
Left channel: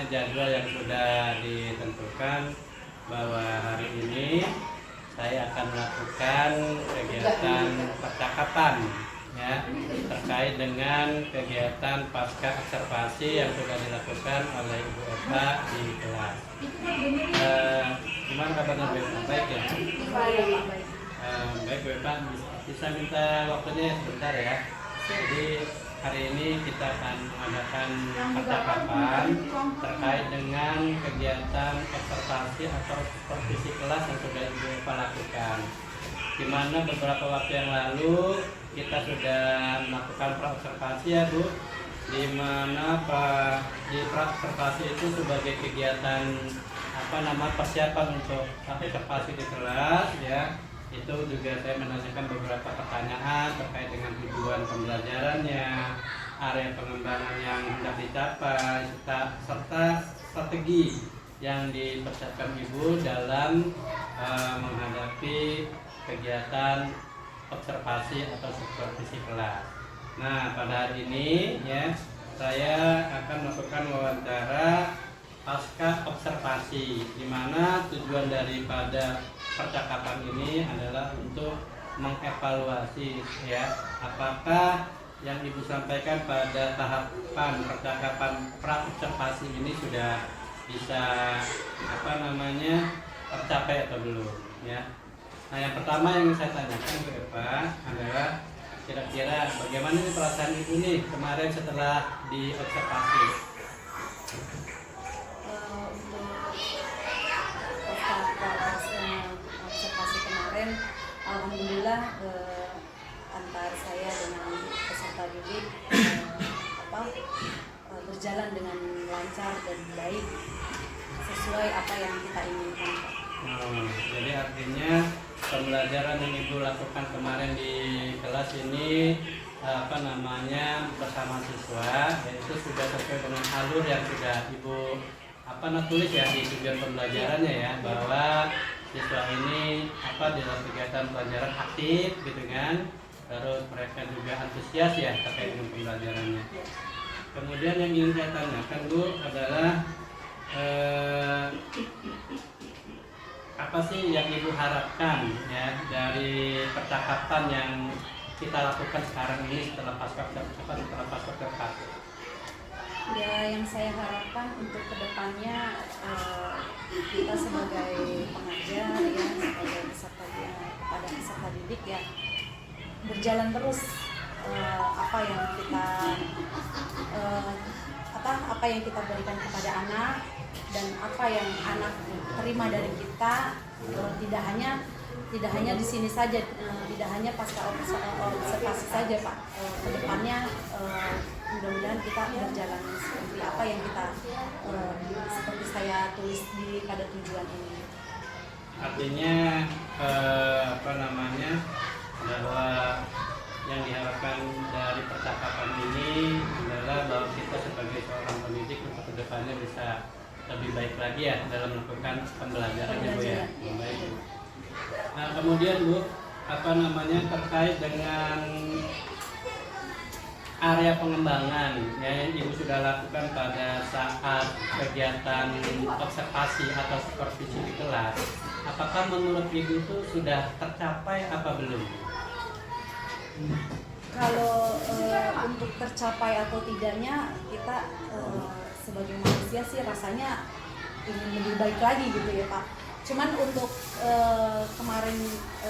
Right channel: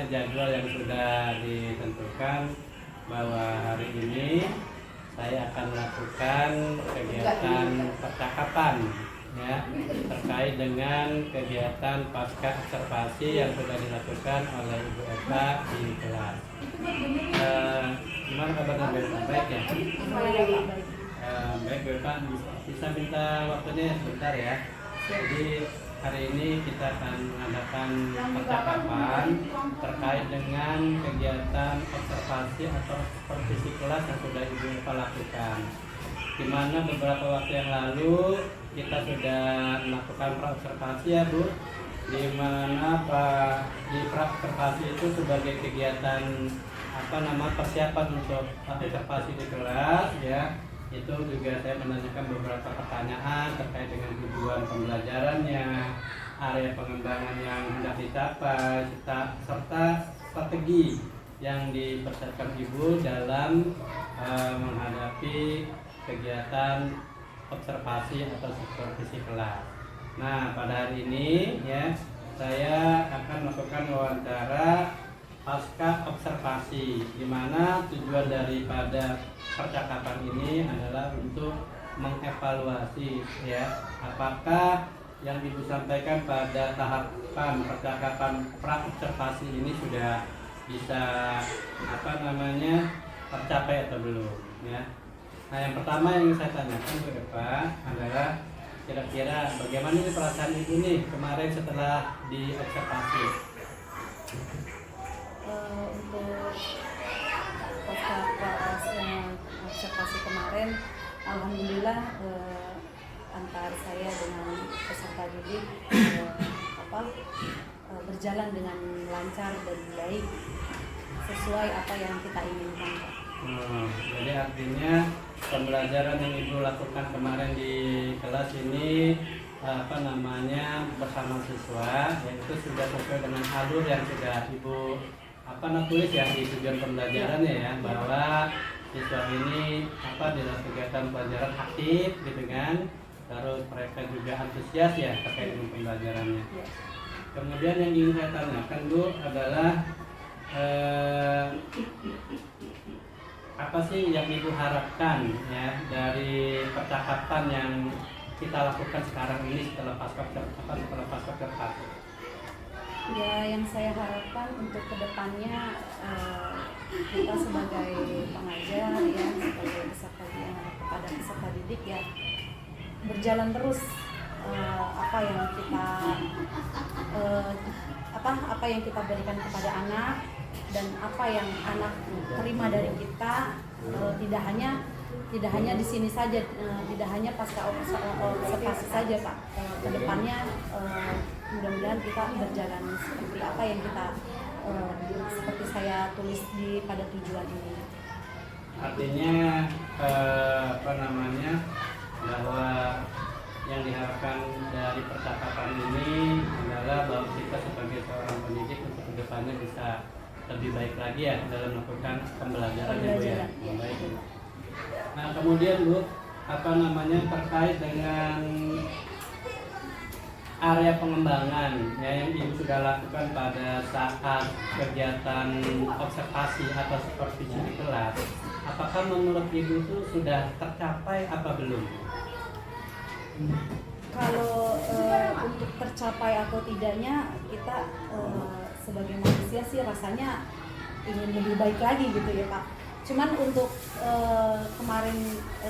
jadwal yang sudah ditentukan bahwa hari ini saya akan melakukan kegiatan percakapan ya terkait dengan kegiatan pasca observasi yang sudah dilakukan oleh Ibu Eva di kelas. Gimana kabarnya Bu Eva? Baik ya? Baik Bu Eva, bisa minta waktunya sebentar ya. Jadi hari ini kita akan mengadakan percakapan terkait dengan kegiatan observasi atau supervisi kelas yang sudah Ibu Eva lakukan. Di mana beberapa waktu yang lalu kita sudah melakukan praobservasi ya Bu, di mana di praobservasi itu sebagai kegiatan persiapan untuk observasi di kelas ya. Itu juga saya menanyakan beberapa pertanyaan terkait dengan tujuan pembelajarannya, area pengembangan yang hendak dicapai serta strategi yang dipersiapkan Ibu dalam menghadapi kegiatan observasi atau supervisi kelas. Nah, pada hari ini ya saya akan melakukan wawancara pasca observasi, di mana tujuan daripada percakapan ini adalah untuk mengevaluasi ya apakah yang Ibu sampaikan pada tahapan percakapan pra-observasi ini sudah bisa tercapai atau belum ya. Nah, yang pertama yang saya tanyakan Bu Eva adalah kira-kira bagaimana nih perasaan Ibu nih kemarin setelah diobservasi? Untuk observasi kemarin, alhamdulillah antara saya dengan peserta didik berjalan dengan lancar dan baik sesuai apa yang kita inginkan. Jadi artinya pembelajaran yang Ibu lakukan kemarin di kelas ini bersama siswa yaitu sudah sesuai dengan alur yang sudah Ibu tulis ya di tujuan pembelajarannya ya, bahwa siswa ini dalam kegiatan pelajaran aktif gitu kan, terus mereka juga antusias ya terkait dengan pembelajarannya. Kemudian yang ingin saya tanyakan Bu adalah apa sih yang Ibu harapkan ya dari percakapan yang kita lakukan sekarang ini setelah pasca observasi? Ya, yang saya harapkan untuk kedepannya kita sebagai pengajar ya, sebagai kepada peserta didik ya, berjalan terus apa yang kita berikan kepada anak dan apa yang anak terima dari kita, tidak hanya di sini saja, tidak hanya pasca observasi saja Pak. Kedepannya mudah-mudahan kita berjalan seperti apa yang kita seperti saya tulis pada tujuan ini. Artinya bahwa yang diharapkan dari percakapan ini adalah bahwa kita sebagai seorang pendidik untuk kedepannya bisa lebih baik lagi ya dalam melakukan pembelajaran Bu ya. Baik. Nah, kemudian Bu, terkait dengan area pengembangan yang Ibu sudah lakukan pada saat kegiatan observasi atau supervisi di kelas, apakah menurut Ibu itu sudah tercapai apa belum? Kalau untuk tercapai atau tidaknya, kita sebagai manusia sih rasanya ingin lebih baik lagi gitu ya Pak. Cuman untuk kemarin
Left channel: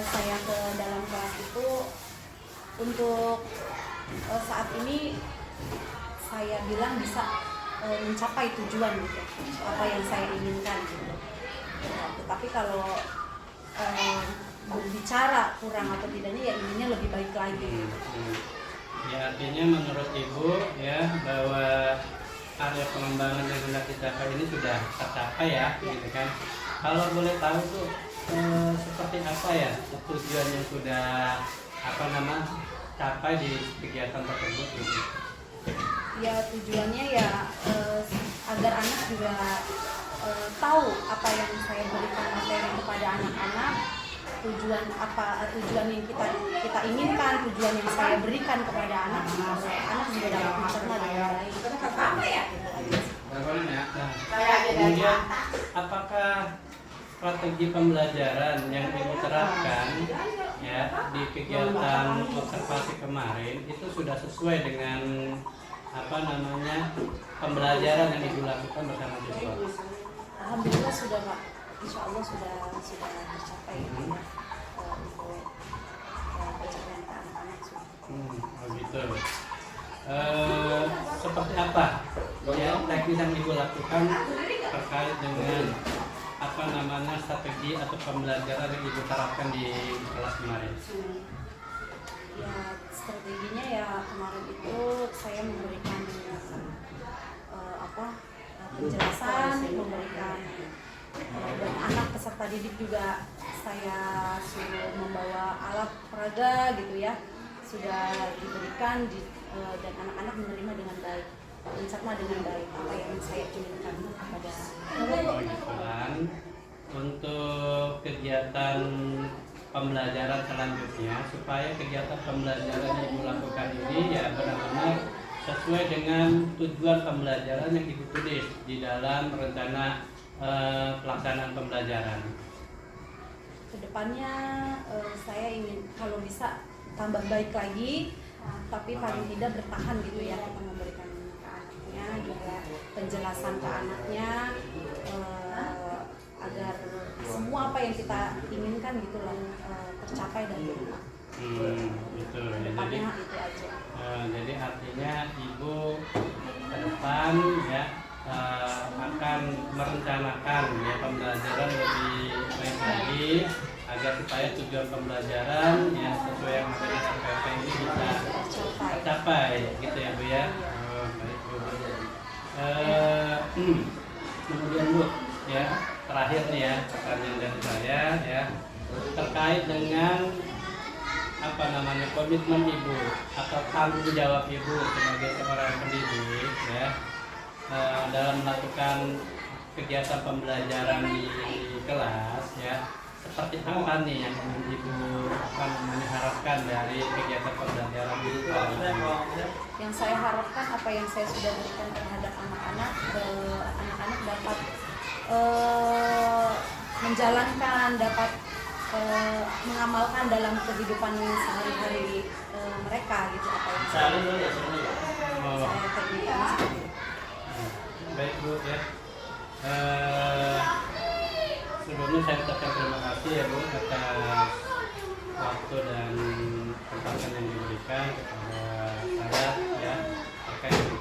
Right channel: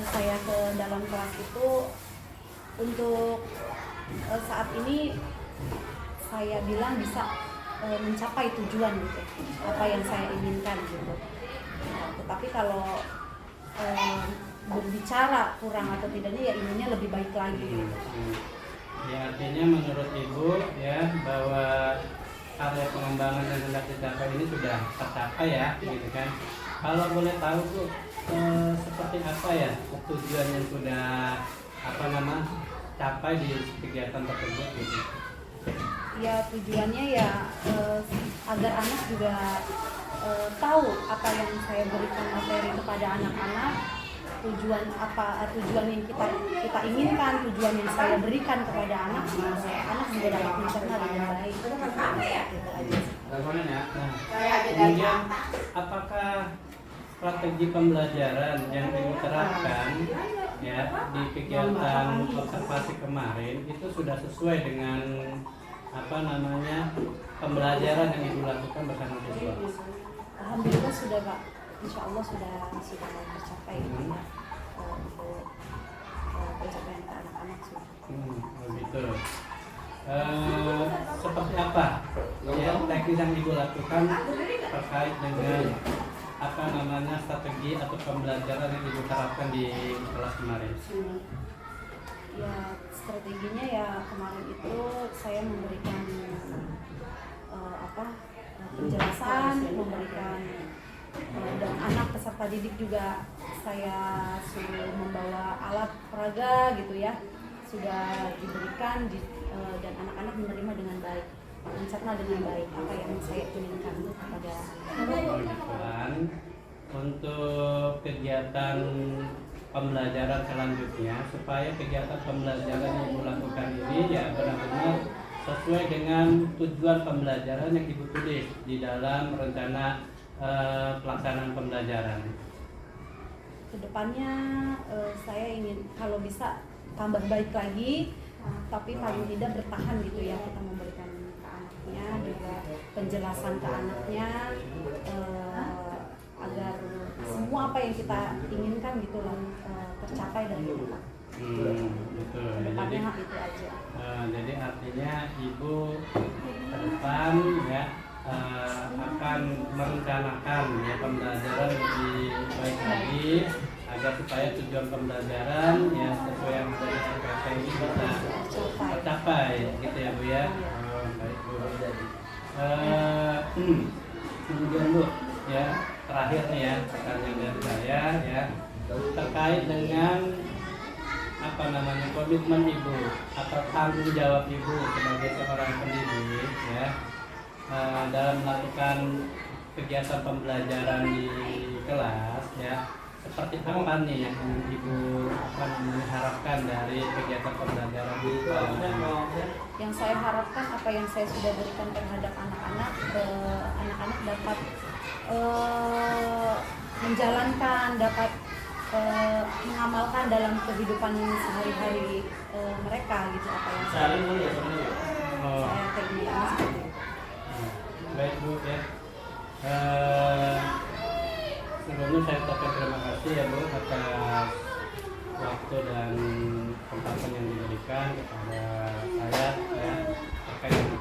saya ke dalam kelas itu, untuk saat ini saya bilang bisa mencapai tujuan gitu, apa yang saya inginkan gitu. Tetapi kalau berbicara kurang atau tidaknya ya inginnya lebih baik lagi. Ya, artinya menurut Ibu ya bahwa area pengembangan yang sudah dicapai ini sudah tercapai ya, gitu kan? Kalau boleh tahu Bu, seperti apa ya tujuan yang sudah capai di kegiatan tersebut gitu? Ya, tujuannya ya agar anak juga tahu apa yang saya berikan materi kepada anak-anak, tujuan yang kita inginkan, tujuan yang saya berikan kepada anak juga dapat mencerna dengan baik. Nah, kemudian apakah strategi pembelajaran yang Ibu terapkan ya di kegiatan observasi kemarin itu sudah sesuai dengan pembelajaran yang Ibu lakukan bersama siswa? Alhamdulillah sudah Pak, insya Allah sudah tercapai untuk pencapaian ke anak-anak sudah. Begitu. Seperti apa ya teknis yang Ibu lakukan terkait dengan strategi atau pembelajaran yang Ibu terapkan di kelas kemarin? Ya, strateginya ya kemarin itu saya memberikan penjelasan, memberikan dan anak peserta didik juga saya suruh membawa alat peraga gitu ya, sudah diberikan dan anak-anak menerima dengan baik, mencerna dengan baik apa yang saya kirimkan kepada Kan untuk kegiatan pembelajaran selanjutnya, supaya kegiatan pembelajaran yang Ibu lakukan ini ya benar-benar sesuai dengan tujuan pembelajaran yang Ibu tulis di dalam rencana pelaksanaan pembelajaran. Kedepannya saya ingin kalau bisa tambah baik lagi, tapi paling tidak bertahan gitu ya, kita memberikan ke anaknya juga penjelasan ke anaknya agar semua apa yang kita inginkan gitu loh tercapai dan bermanfaat. Gitu. Kedepannya itu aja. Jadi artinya Ibu ke depan ya akan merencanakan ya pembelajaran lebih baik lagi agar supaya tujuan pembelajaran ya sesuai yang ada di SKP ini bisa tercapai gitu ya Bu ya. Baik Bu. Kemudian Bu ya, terakhir nih ya pertanyaan dari saya ya terkait dengan apa namanya komitmen Ibu atau tanggung jawab Ibu sebagai seorang pendidik ya dalam melakukan kegiatan pembelajaran di kelas ya, seperti apa nih yang Ibu apa namanya harapkan dari kegiatan pembelajaran di kelas? Yang saya harapkan apa yang saya sudah berikan terhadap anak-anak, anak-anak dapat menjalankan, dapat mengamalkan dalam kehidupan sehari-hari mereka gitu, apa yang saya terbiasa. Baik Bu ya. Sebelumnya saya ucapkan terima kasih ya Bu atas waktu dan kesempatan yang diberikan kepada saya ya terkait dengan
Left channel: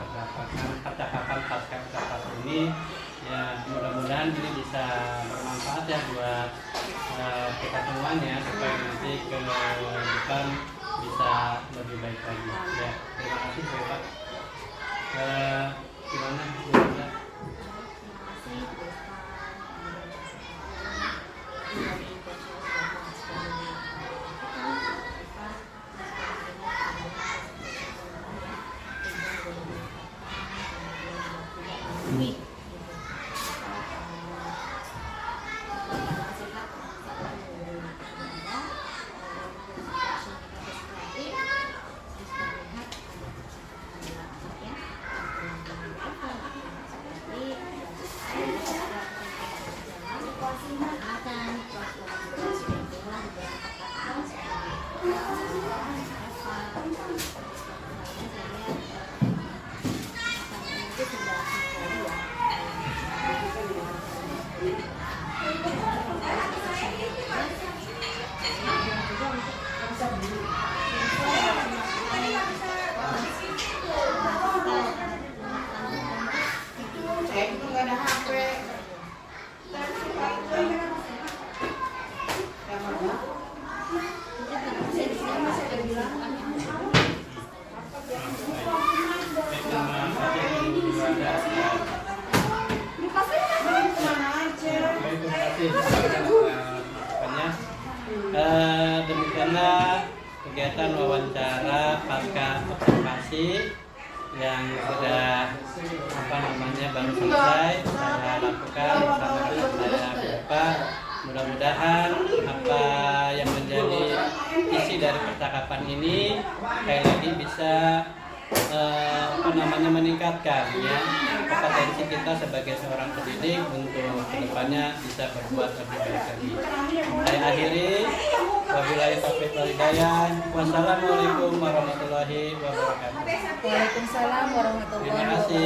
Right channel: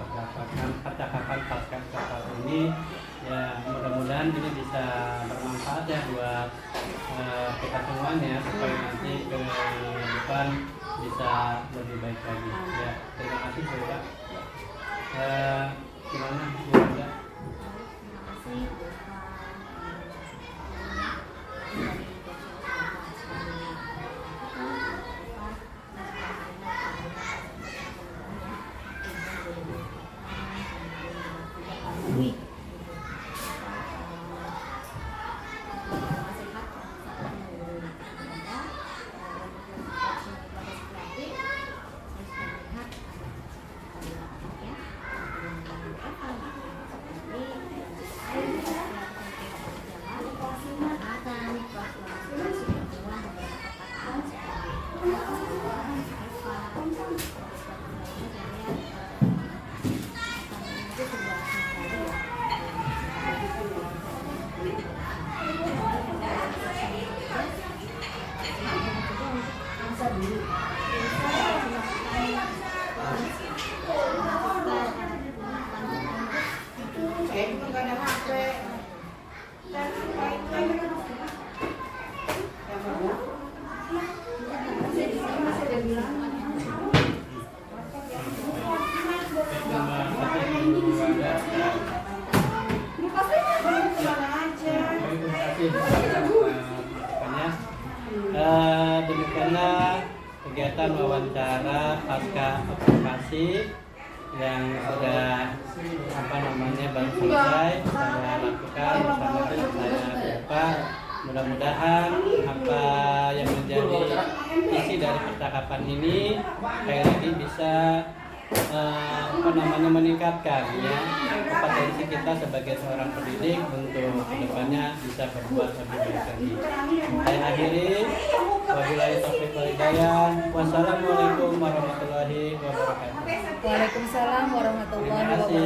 percakapan pasca ucapan ini ya, mudah-mudahan ini bisa bermanfaat ya buat kita semuanya supaya nanti ke depan bisa lebih baik lagi ya. Terima kasih Bu Pak. Gimana Bu Anda? Demikianlah kegiatan wawancara pasca observasi yang sudah baru selesai saya lakukan bersama dengan saya Bapak. Mudah-mudahan apa yang menjadi isi dari percakapan ini kayak lagi bisa meningkatkan ya kompetensi kita sebagai seorang pendidik untuk kedepannya bisa berbuat lebih baik lagi. Saya akhiri, wabillahi taufiq wal hidayah. Wassalamualaikum warahmatullahi wabarakatuh. Waalaikumsalam warahmatullahi wabarakatuh.